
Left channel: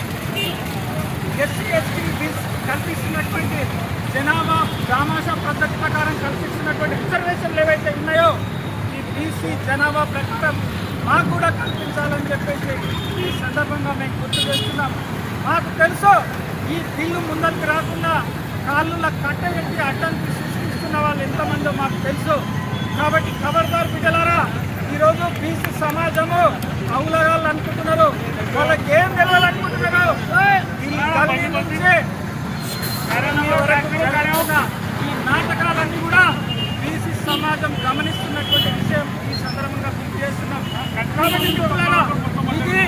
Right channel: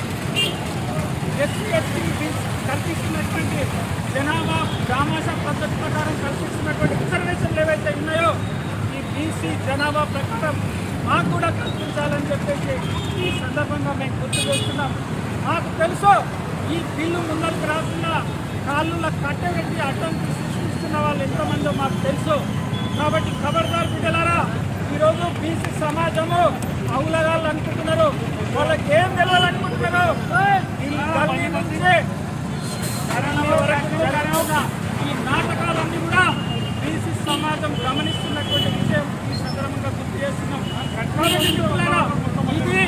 ఎస్సీ ఎస్టీ కల్పిస్తున్నటువంటి జనాభా దామాషా పద్ధతి ప్రకారం కల్పిస్తున్నటువంటి రిజర్వేషన్లు ఏవైతే ఉన్నాయో ఈ బీసీ జనాభా ప్రకారం మాకు కూడా కల్పించాలని చెప్పేసి ఈ సందర్భంగా మేము గుర్తు చేస్తున్నాం. మాకు తెలుసు ఈ బిల్లు ముందరికి రాకుండా కాళ్ళుల కట్టబెట్టి అడ్డంకి సృష్టిస్తున్న వాళ్ళు ఎంతమందో మాకు తెలుసు. కాబట్టి ఖబర్దార్ బిడ్డలారా, ఈరోజు బీసీ సమాజము అవులగాళ్ళు అనుకుంటున్నారు. వాళ్ళకి ఏం తెలియాలనుకుంటున్నారు? ఈ గల్లీ నుంచి వరకు జరుగుతున్న ఈ నాటకాలన్నీ కూడా బీసీ సమాజం గమనిస్తున్నటువంటి విషయం ఈ సందర్భంగా గుర్తు చేస్తున్నాం. కాబట్టి మిత్రులారా, ఇది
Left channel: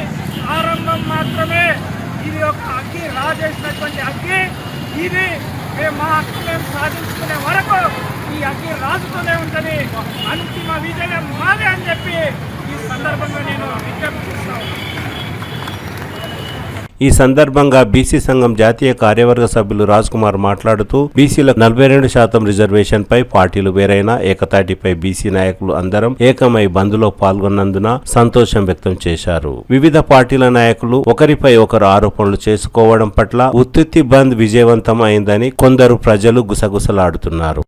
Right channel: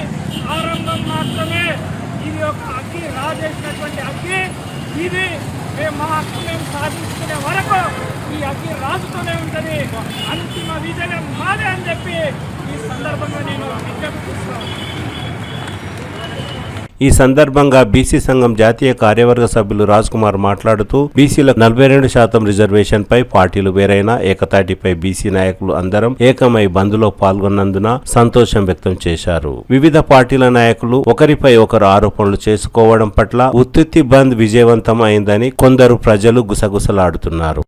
ఆరంభం మాత్రమే. ఇది ఒక అగ్గి రాజేసినటువంటి అగ్గి. ఇది మా హక్కు మేము సాధించుకునే వరకు ఈ అగ్గి రాజుతూనే ఉంటుంది. అంతిమ విజయం మాదే అని చెప్పి ఈ సందర్భంగా నేను విజ్ఞప్తి చేస్తాను. ఈ సందర్భంగా బీసీ సంఘం జాతీయ కార్యవర్గ సభ్యులు రాజ్ కుమార్ మాట్లాడుతూ బీసీలకు 42% రిజర్వేషన్ పై పార్టీలు వేరైనా ఏకతాటిపై బీసీ నాయకులు అందరం ఏకమై బంద్లో పాల్గొన్నందున సంతోషం వ్యక్తం చేశారు. వివిధ పార్టీల నాయకులు ఒకరిపై ఒకరు ఆరోపణలు చేసుకోవడం పట్ల ఉత్తుత్తి బంద్ విజయవంతం అయిందని కొందరు ప్రజలు గుసగుసలాడుతున్నారు.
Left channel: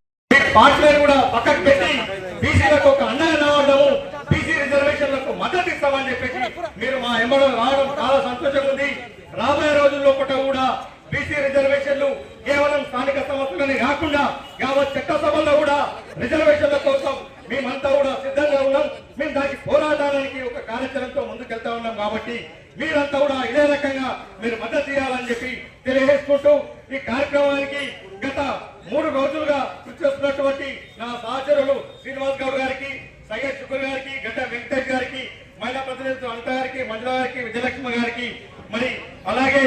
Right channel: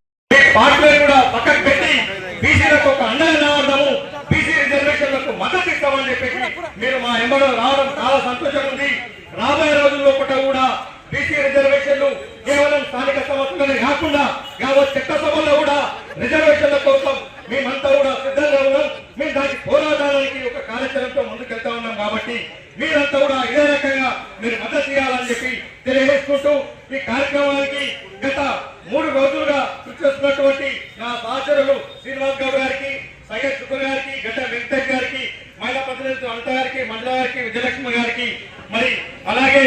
రాబోయే రోజుల్లో కూడా బీసీ రిజర్వేషన్లు కేవలం స్థానిక సమస్యలనే కాకుండా యావత్ చట్టసభల్లో కూడా రిజర్వేషన్ల కోసం మేమంతా కూడా సిద్ధంగా ఉన్నాం. మేము దానికి పోరాటానికి ఒక కార్యాచరణతో ముందుకెళ్తా ఉన్నాం. కాబట్టి మీరంతా కూడా ఇదే రకంగా మీరు మద్దతు ఇవ్వాలని చెప్పి తెలియజేసుకుంటూ ఈ కార్యక్రమానికి గత 3 రోజులుగా కృషి చేస్తున్నటువంటి నా సహచరులు శ్రీనివాస్ గౌడ్ గారికి, సయ్యద్ శుక్ర్ గారికి, గడ్డ వెంకటేష్ గారికి, మహిళా ప్రతినిధులు అనిత గారికి, మంజుల గారికి, విజయలక్ష్మి గారికి, మరి అలాగే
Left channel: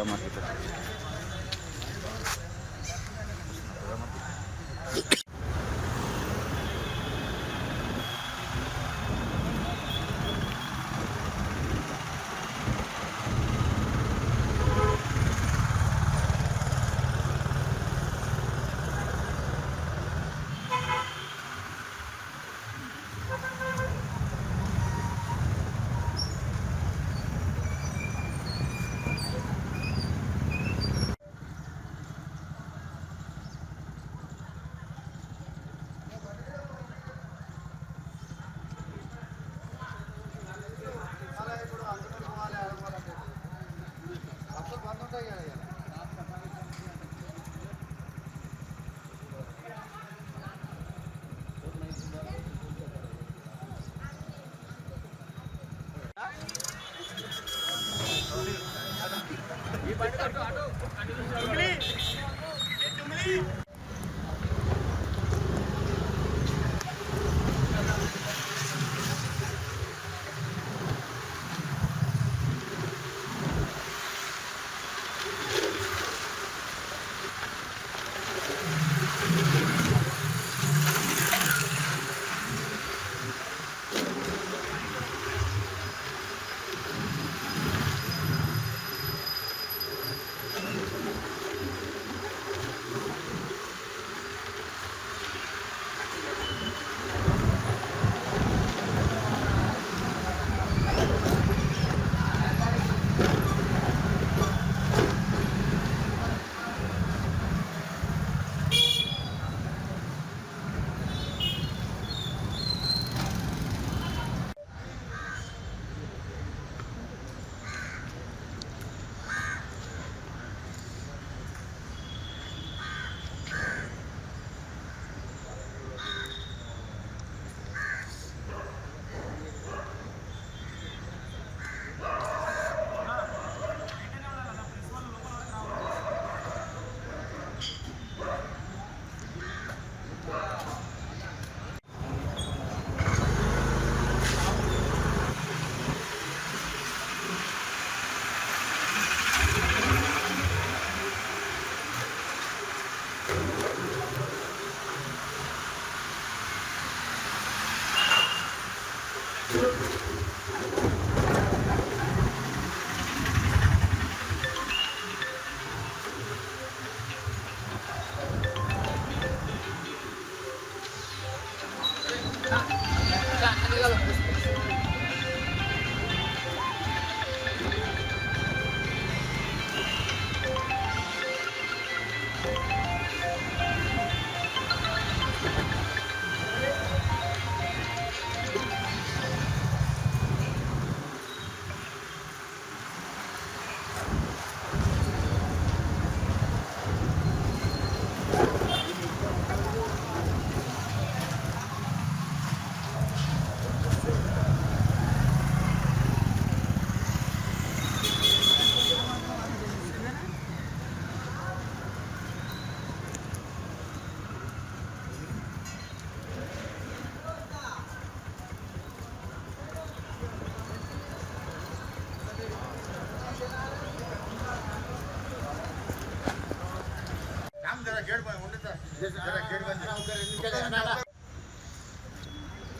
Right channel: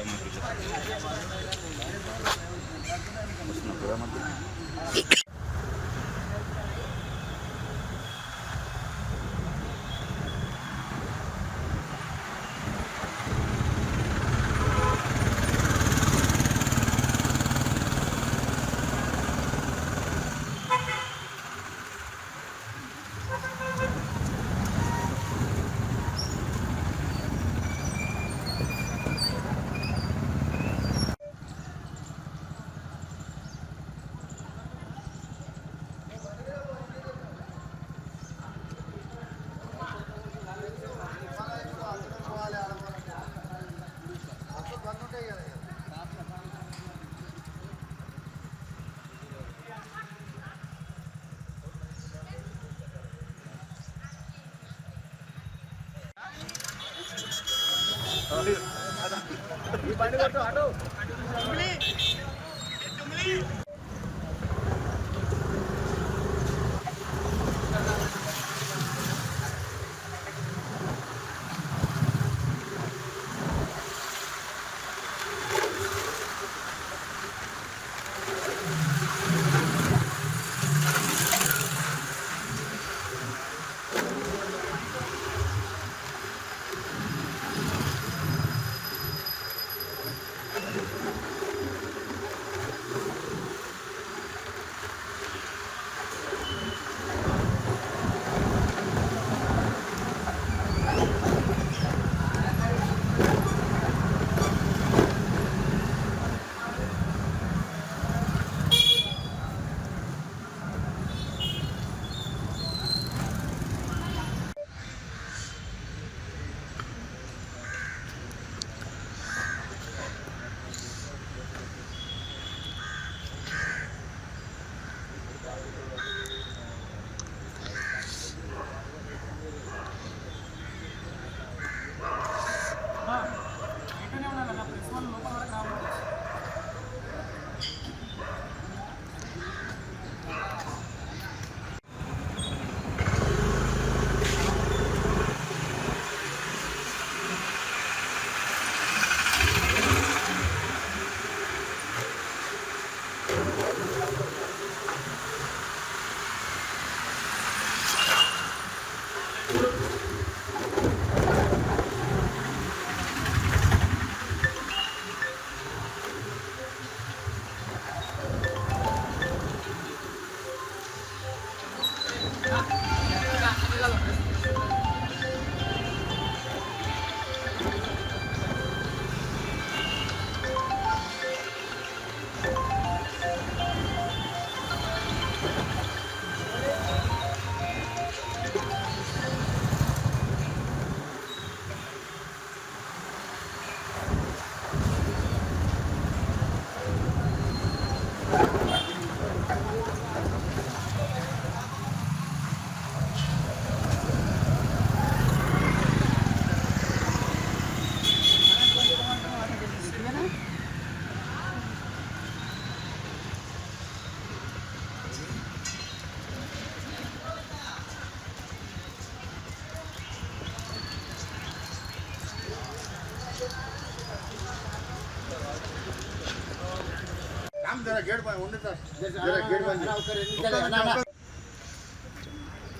తొంభై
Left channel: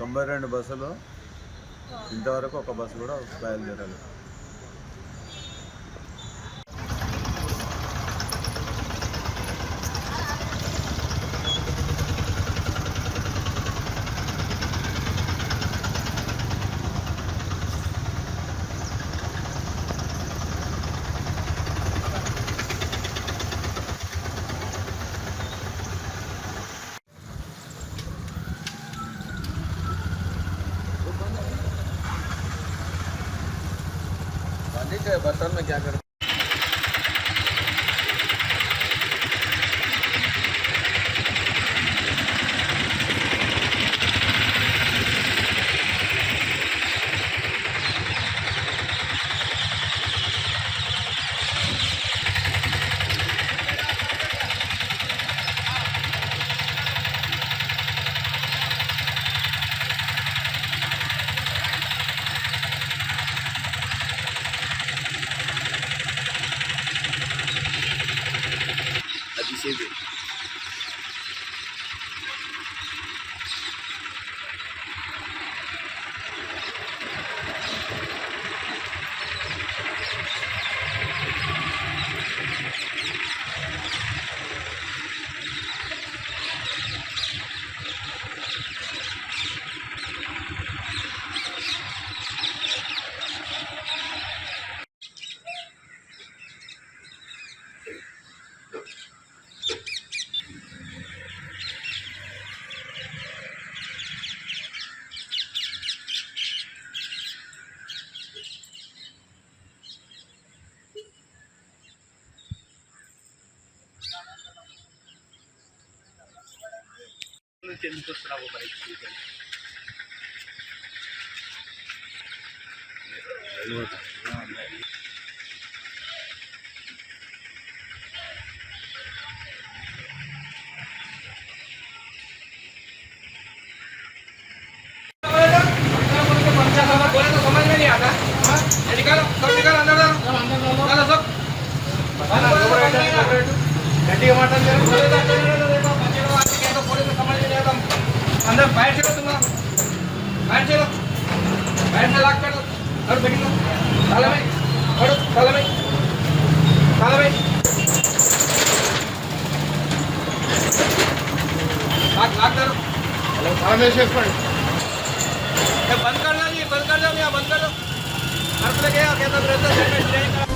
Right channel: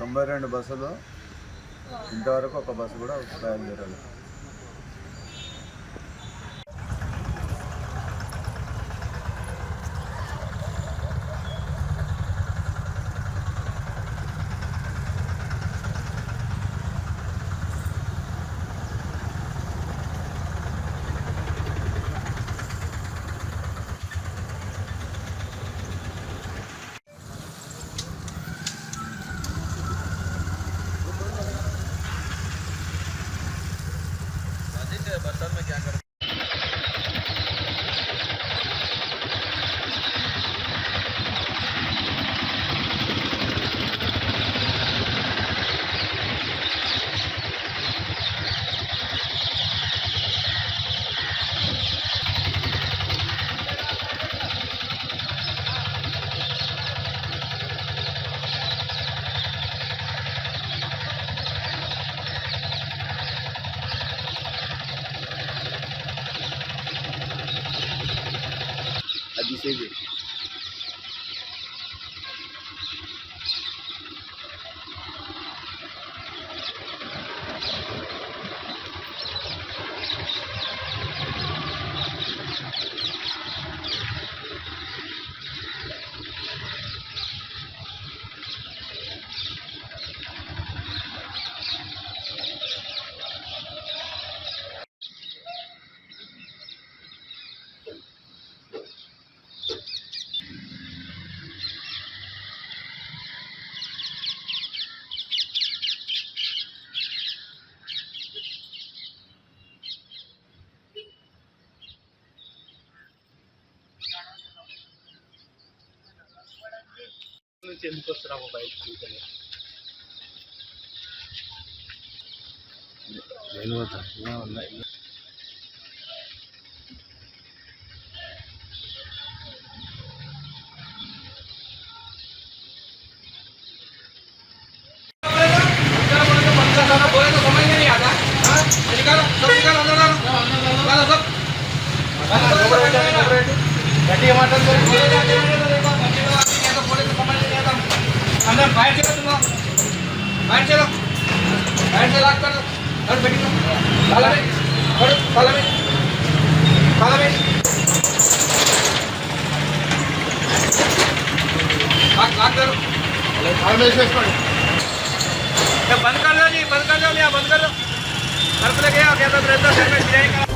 92 బస్సులు ఇంతవరకు ఒక బస్సు కూడా బయలుదేరలేదు. బీసీబీ. ఎందుకు వస్తున్నావు బయటికి? గట్టిగా మాట్లాడుతున్నారు. अंदर बाहर चलो तुम बाहर चलो बाहर से लॉक कर दो और बैठ लो ताला में और ताला में लॉक करो ताला में से बंद कर लो जी बंद कर दो भैया बंद कर दो घर पे लेके आओ क्या तो रहता है